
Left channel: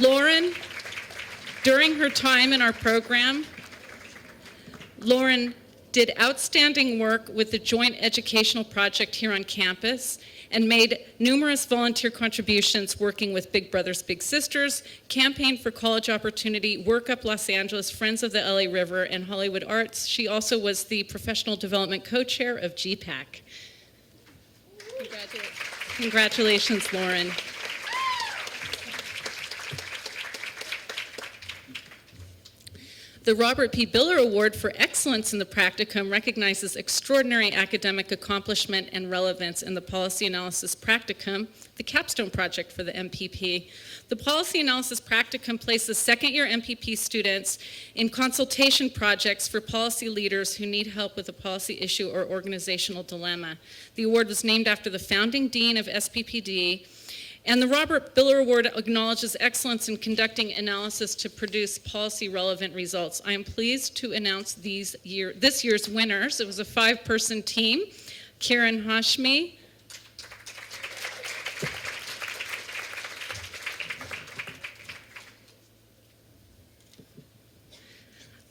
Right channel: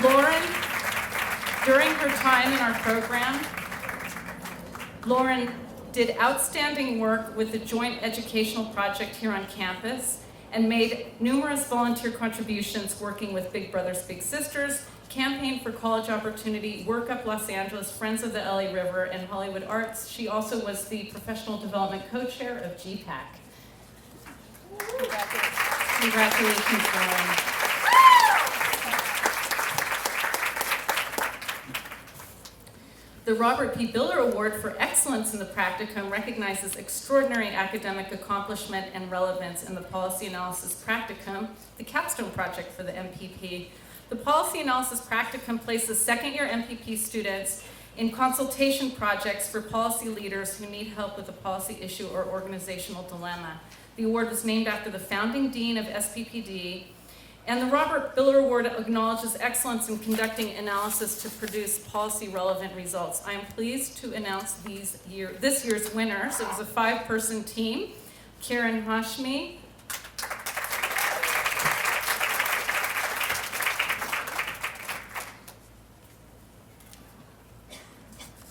Lauren, during her time in our program, Lauren did outstanding work with the Joint Educational Project here on campus and made numerous volunteer contributions working with Big Brothers Big Sisters, Campaign for College Opportunity, Work Up Los Angeles, Friends of the LA River, and Hollywood Arts. She also was the Professional Development Co-Chair of GPAC. Congratulations, Lauren. The Robert P. Biller Award for Excellence in the Practicum recognizes extraordinary academic accomplishment and relevance in the policy analysis practicum, the capstone project for the MPP. The policy analysis practicum places second-year MPP students in consultation projects for policy leaders who need help with a policy issue or organizational dilemma. The award was named after the founding dean of SPPD, and the Robert Biller Award acknowledges excellence in conducting analysis to produce policy-relevant results. I am pleased to announce this year's winners. It was a 5-person team. Karen Hashmi,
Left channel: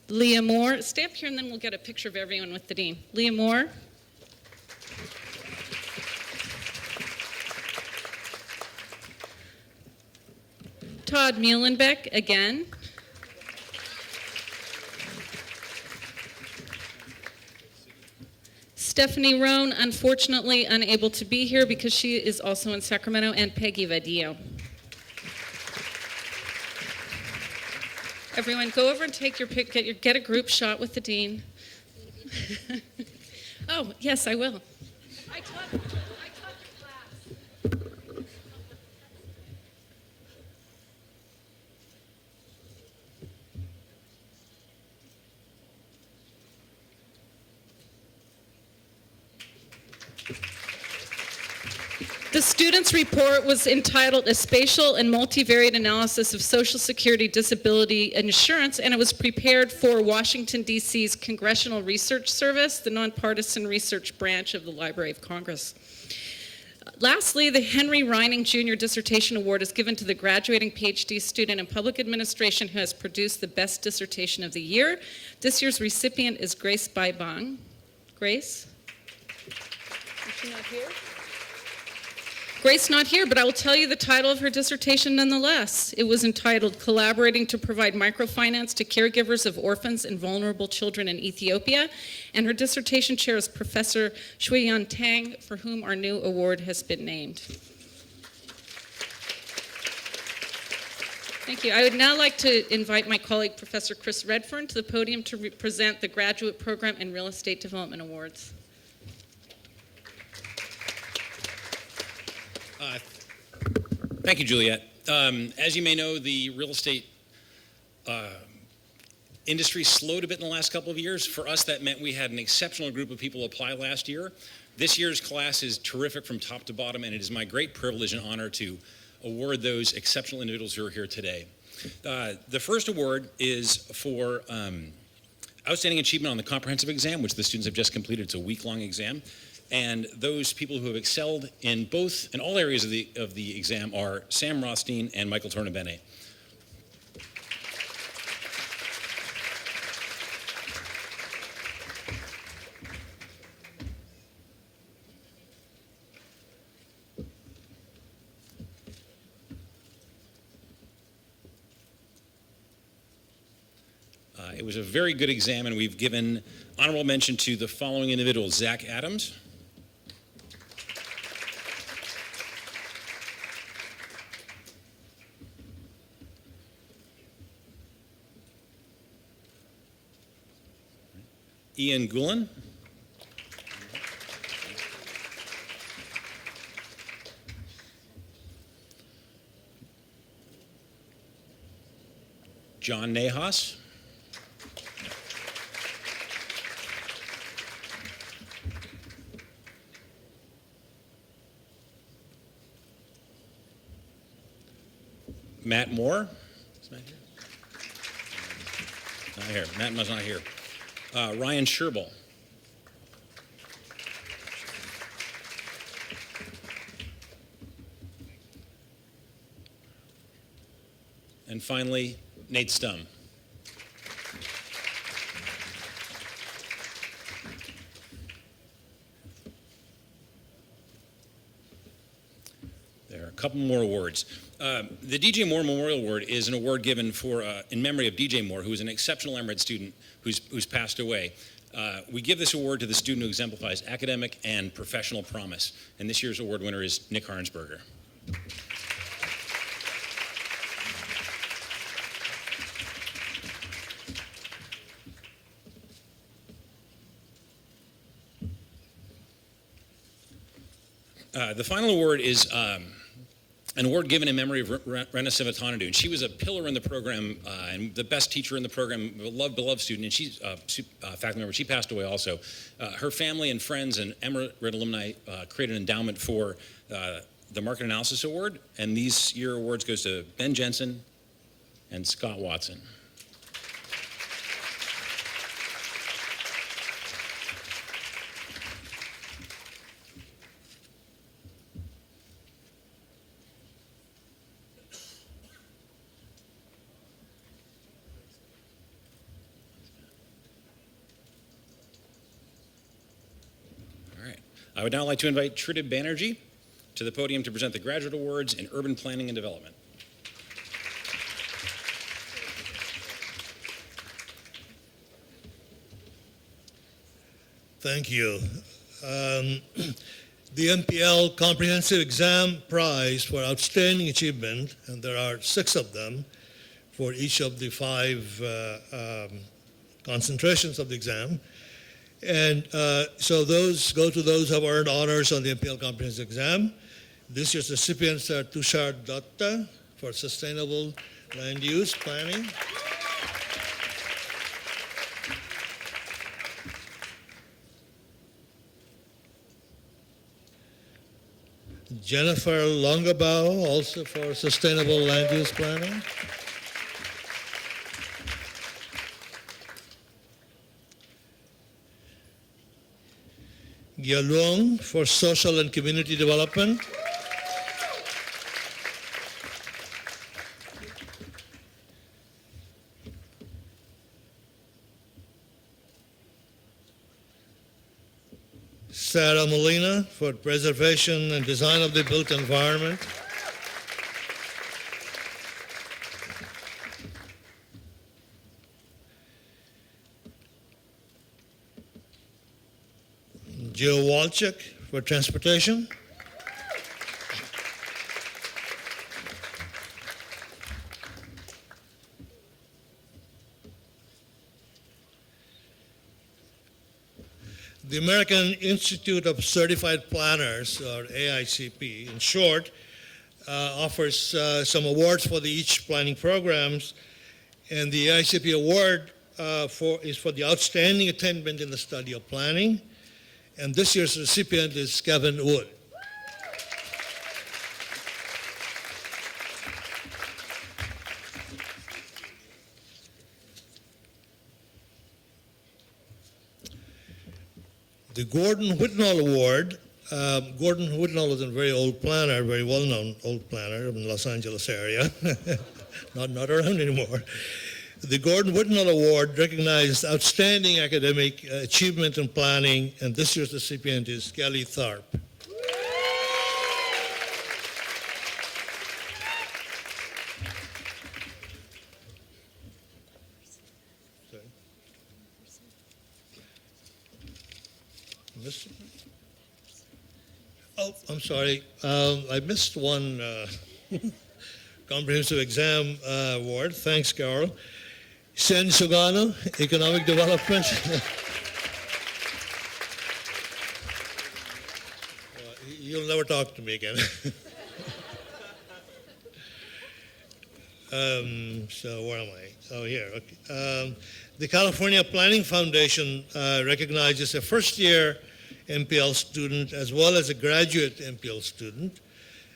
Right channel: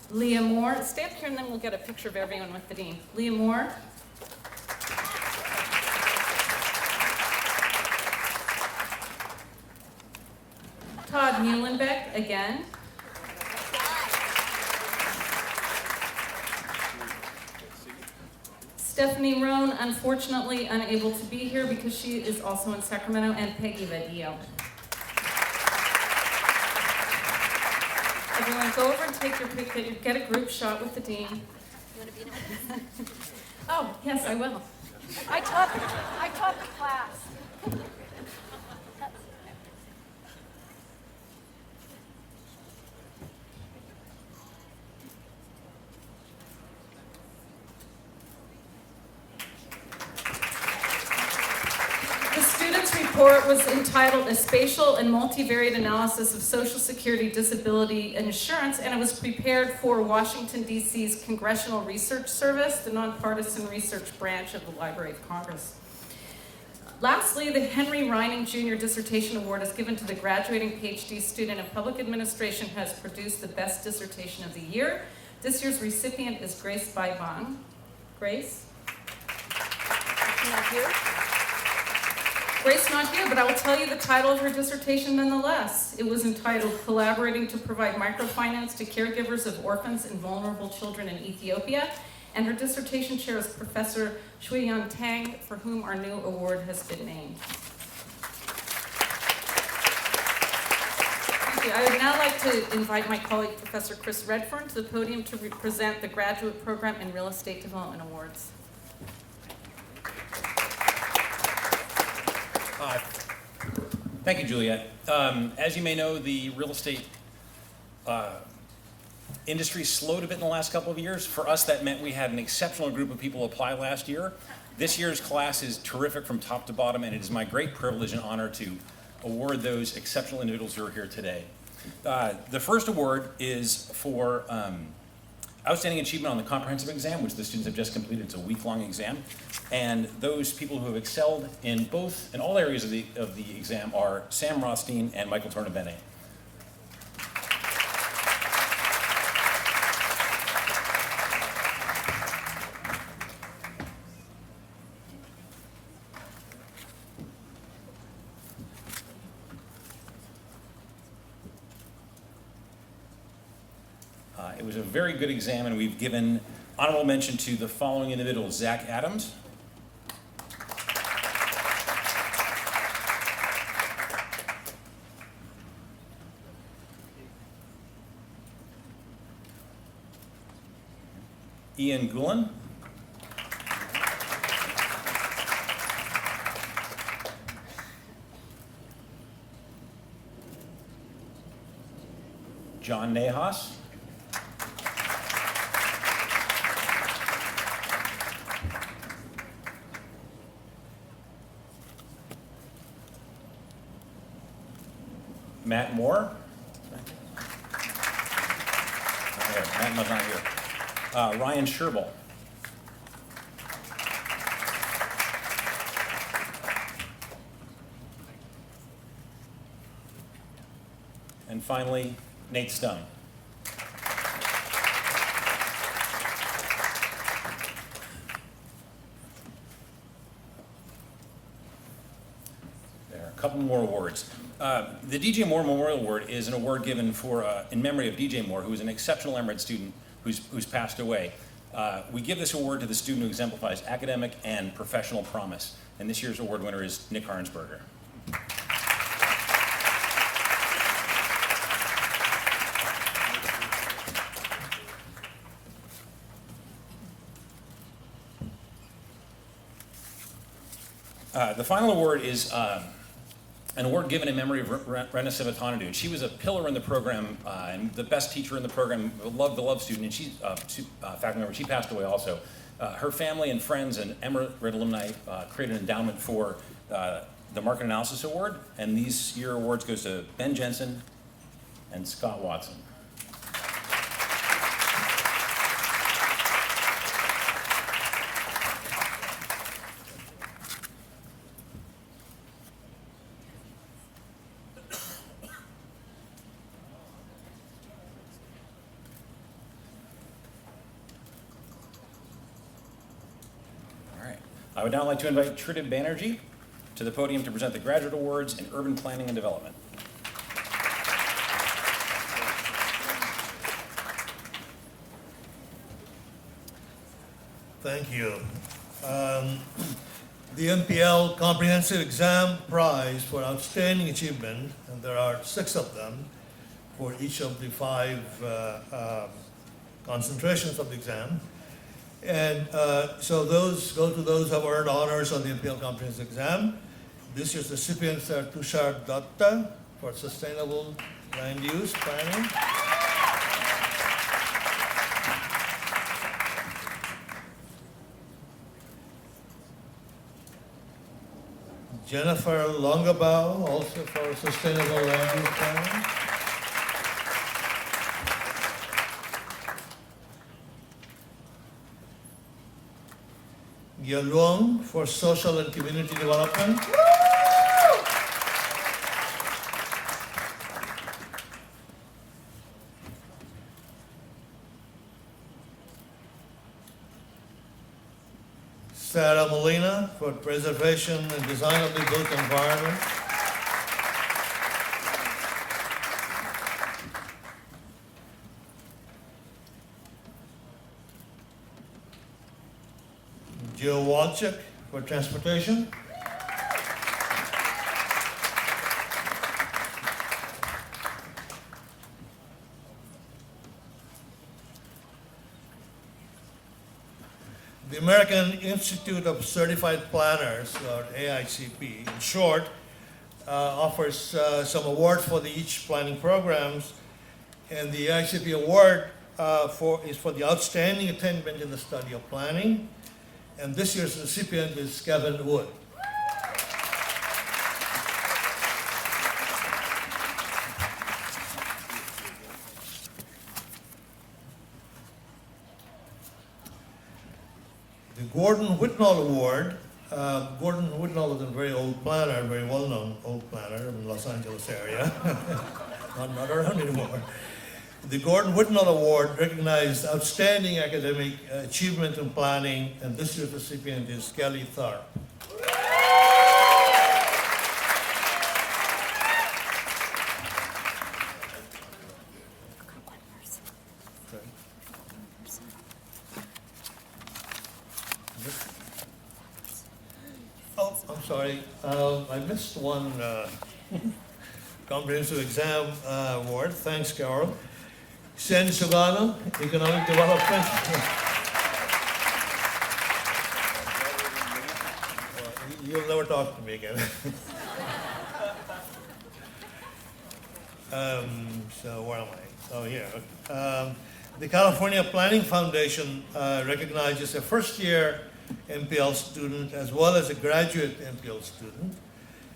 Leah Moore. Stay up here and then we'll get a picture of everyone with the dean. Leah Moore. Todd Muhlenbeck again. Stephanie Roan, unfortunately unable to be here because she is also in Sacramento, and Peggy Vadillo. A Everyone, go over and take your pic. Get a group shot with the dean. Oh, yes, I will. I taught the class. The student's report was entitled A Spatial and Multivariate Analysis of Social Security Disability Insurance, and it was prepared for Washington, D.C.'s Congressional Research Service, the nonpartisan research branch of the Library of Congress. Lastly, the Henry Reining Jr. Dissertation Award is given to the graduating PhD student in public administration who has produced the best dissertation of the year. This year's recipient is Grace Baibang. Grace? Grace not here, but I will tell you the title of her dissertation nonetheless. It was entitled Collaborating to Provide Microfinance to Caregivers of Orphans and Vulnerable Children in Ethiopia. And her dissertation chair is Professor Shuiyan Tang, for whom our new award has been named. Thank you. I would now like to invite my colleague, Professor Chris Redfern, to the podium to present the Graduate Program and Real Estate Development Awards. Thank you, Juliet. As you may know, the real estate industry slowed a bit in the last couple of years. For us, that meant we had an exceptional group of people apply last year. This year's class is terrific from top to bottom, and it is my great privilege and honor to award those exceptional individuals who are here today. The first award is for outstanding achievement on the comprehensive exam, which the students have just completed. It's a week-long exam. And those people who have excelled in all areas of the exam are Sam Rothstein and Michael Tornabene. It was a very good exam, and we've given honorable mention to the following individuals: Zach Adams, Ian Gulen, John Nahas, Matt Moore. Not here. Matt was not here. Ryan Sherbel. And finally, Nate Stum. There are a couple more awards. The DJ Moore Memorial Award is an award given for in memory of DJ Moore, who is an exceptional Emerald student who's passed away. We give this award to the student who exemplifies academic and professional promise. And this year's award winner is Nick Harnsberger. The final award is an award given in memory of Rena Sivatanadu. And she was a pillar in the program and the best teacher in the program, a beloved student, and she's a faculty member. She passed away also. Her family and friends and Emerald alumni created an endowment for the Market Analysis Award, and these year awards goes to Ben Jensen and Scott Watson. I would now like to invite Trita Banerjee to the podium to present the Graduate Awards in Urban Planning and Development. Thank you. The MPL Comprehensive Exam Prize for Outstanding Achievement, and there are 6 of them, for each of the 5 concentrations of the exam. And so those go to those who have earned honors on the MPL Comprehensive Exam. This year's recipients are Tushar Datta for Sustainable Land Use Planning. Jennifer Longabao, also for Sustainable Land Use Planning. Yalong for Social and Community Development. Sarah Molina for Preservation and Design of the Built Environment. Joe Walchuk for Transportation. The American Institute of Certified Planners, or AICP, in short, offers some awards for each planning programs, and the AICP award is for the outstanding attainment in the study of planning, and this year's recipient is Kevin Wood. The Gordon Whitnall Award. Gordon Whitnall was a very old planner, very well-known old planner in the Los Angeles area, not around anymore. The Gordon Whitnall Award recognized outstanding academic achievement in planning, and this year's recipient is Kelly Tharp. Oh, I'm sorry. I missed one comprehensive exam award. Thanks, Carol. Sen Sugano, Economic Development. You'll never talk to me again. So where am I? Oh, here. Okay. The California Planning Foundation recognizes a first-year MPL student as well as a graduate MPL student.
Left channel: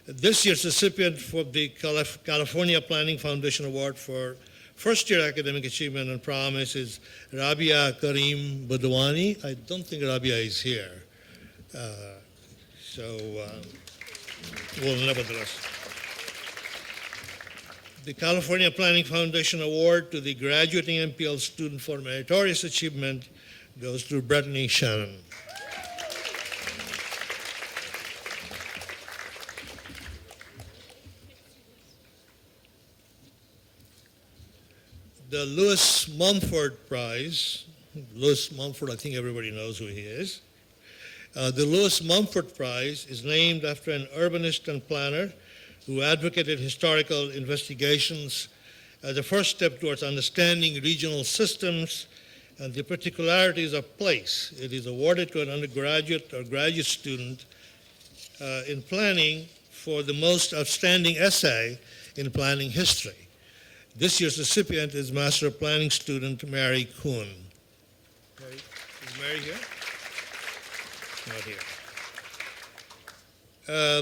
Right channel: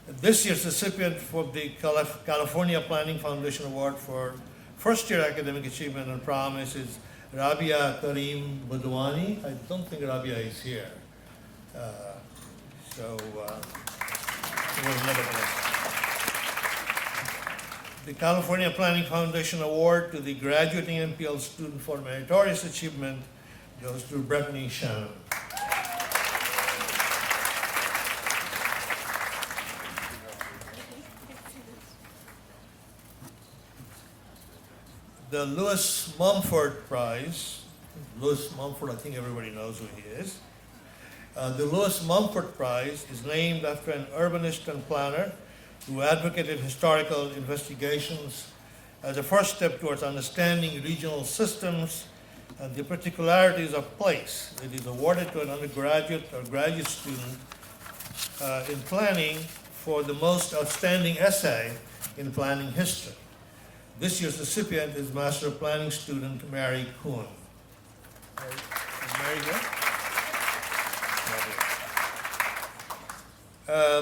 This year's recipient for the California Planning Foundation Award for first-year academic achievement and promise is Rabia Karim Badwani. I don't think Rabia is here. Well, nevertheless. The California Planning Foundation Award to the graduating MPL student for meritorious achievement goes to Brittany Shannon. The Lewis Mumford Prize. Lewis Mumford, I think everybody knows who he is. The Lewis Mumford Prize is named after an urbanist and planner who advocated historical investigations as a first step towards understanding regional systems and the particularities of place. It is awarded to an undergraduate or graduate student in planning for the most outstanding essay in planning history. This year's recipient is Master of Planning student Mary Kuhn. Is Mary here? Not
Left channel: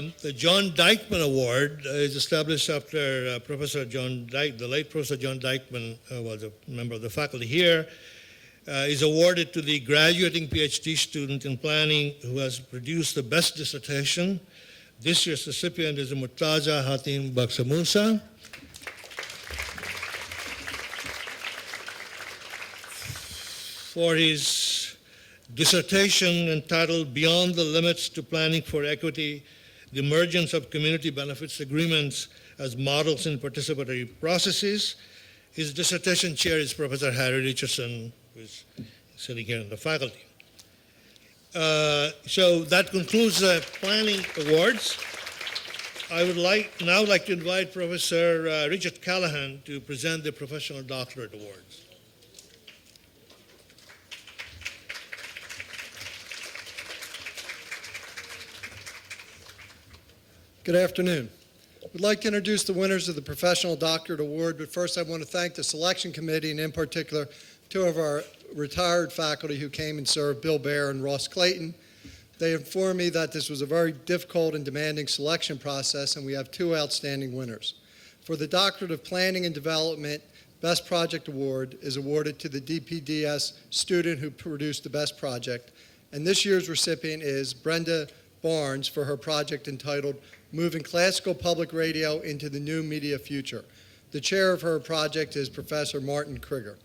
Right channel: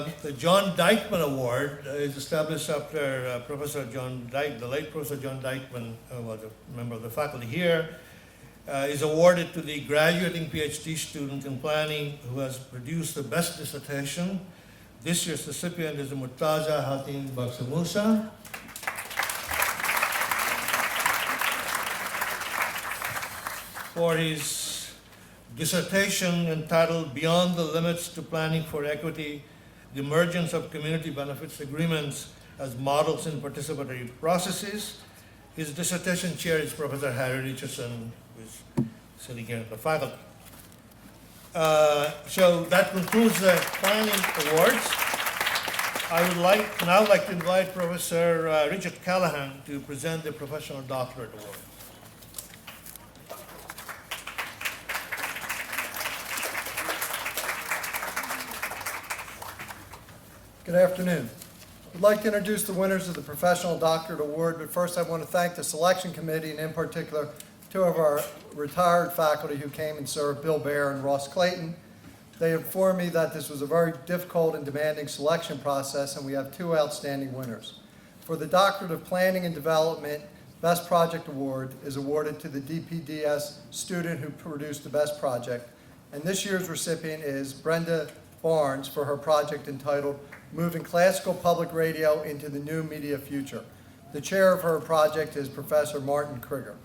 here. The John Dykeman Award is established after Professor John Dyke, the late Professor John Dykeman was a member of the faculty here, is awarded to the graduating PhD student in planning who has produced the best dissertation. This year's recipient is Murtaza Hatim Baksamusa. For his dissertation entitled Beyond the Limits to Planning for Equity, the Emergence of Community Benefits Agreements as Models in Participatory Processes. His dissertation chair is Professor Harry Richardson, who is sitting here at the faculty. So that concludes the planning awards. I would now like to invite Professor Richard Callahan to present the Professional Doctorate Awards. Good afternoon. I'd like to introduce the winners of the Professional Doctorate Award, but first I want to thank the selection committee and in particular two of our retired faculty who came and served, Bill Baer and Ross Clayton. They informed me that this was a very difficult and demanding selection process, and we have two outstanding winners. For the Doctorate of Planning and Development, Best Project Award is awarded to the DPDS student who produced the best project, and this year's recipient is Brenda Barnes for her project entitled Moving Classical Public Radio into the New Media Future. The chair of her project is Professor Martin Krieger.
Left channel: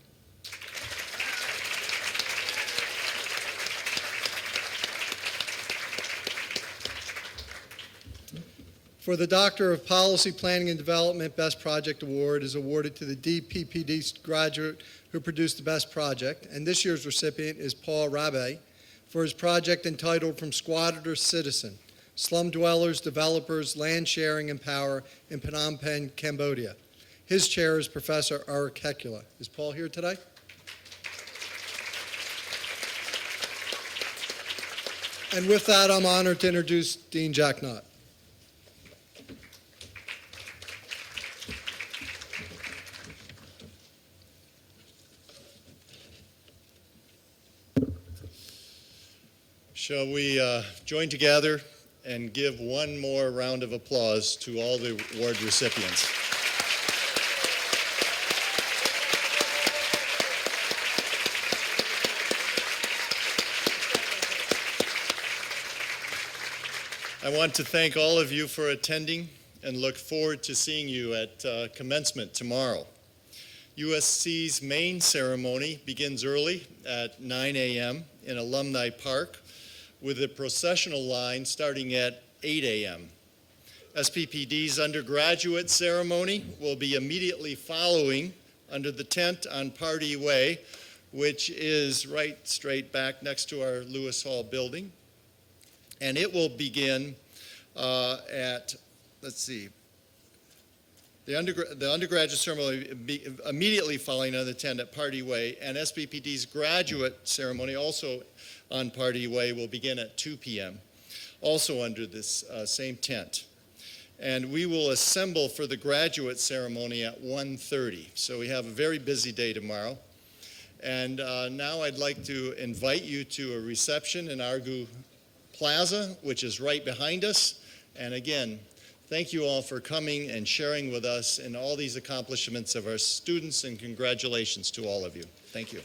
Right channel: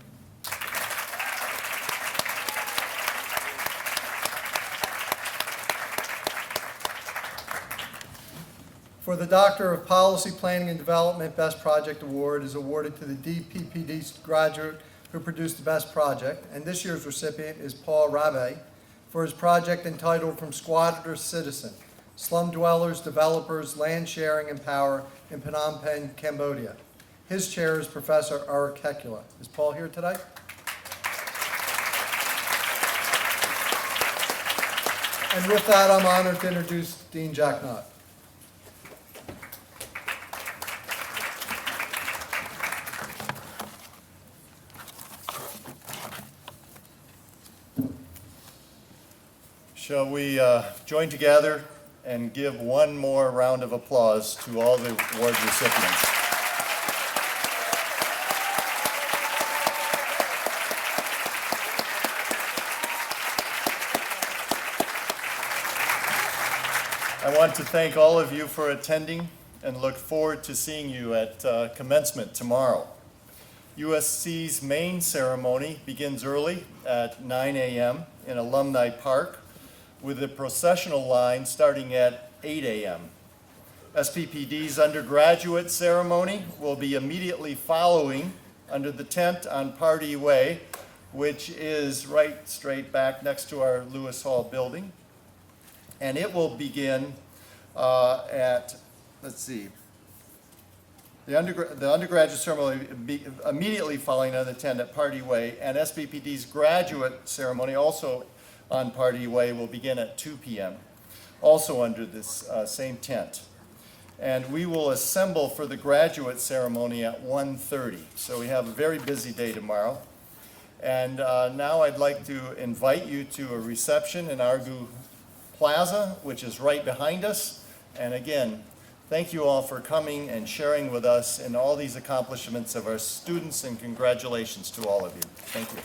For the Doctor of Policy Planning and Development, Best Project Award is awarded to the DPPD graduate who produced the best project, and this year's recipient is Paul Rabe for his project entitled From Squatter to Citizen, Slum Dwellers, Developers, Land Sharing and Power in Phnom Penh, Cambodia. His chair is Professor Eric Hecula. Is Paul here today? And with that, I'm honored to introduce Dean Jack Knott. Shall we join together and give one more round of applause to all the award recipients? I want to thank all of you for attending and look forward to seeing you at commencement tomorrow. USC's main ceremony begins early at 9 a.m. in Alumni Park, with a processional line starting at 8 a.m. SPPD's undergraduate ceremony will be immediately following under the tent on Pardee Way, which is right straight back next to our Lewis Hall building. And it will begin the undergraduate ceremony will be immediately following on the tent at Pardee Way, and SPPD's graduate ceremony also on Pardee Way will begin at 2 p.m., also under this same tent. And we will assemble for the graduate ceremony at 1:30. So we have a very busy day tomorrow. And now I'd like to invite you to a reception in Argu Plaza, which is right behind us. And again, thank you all for coming and sharing with us in all these accomplishments of our students, and congratulations to all of you. Thank you.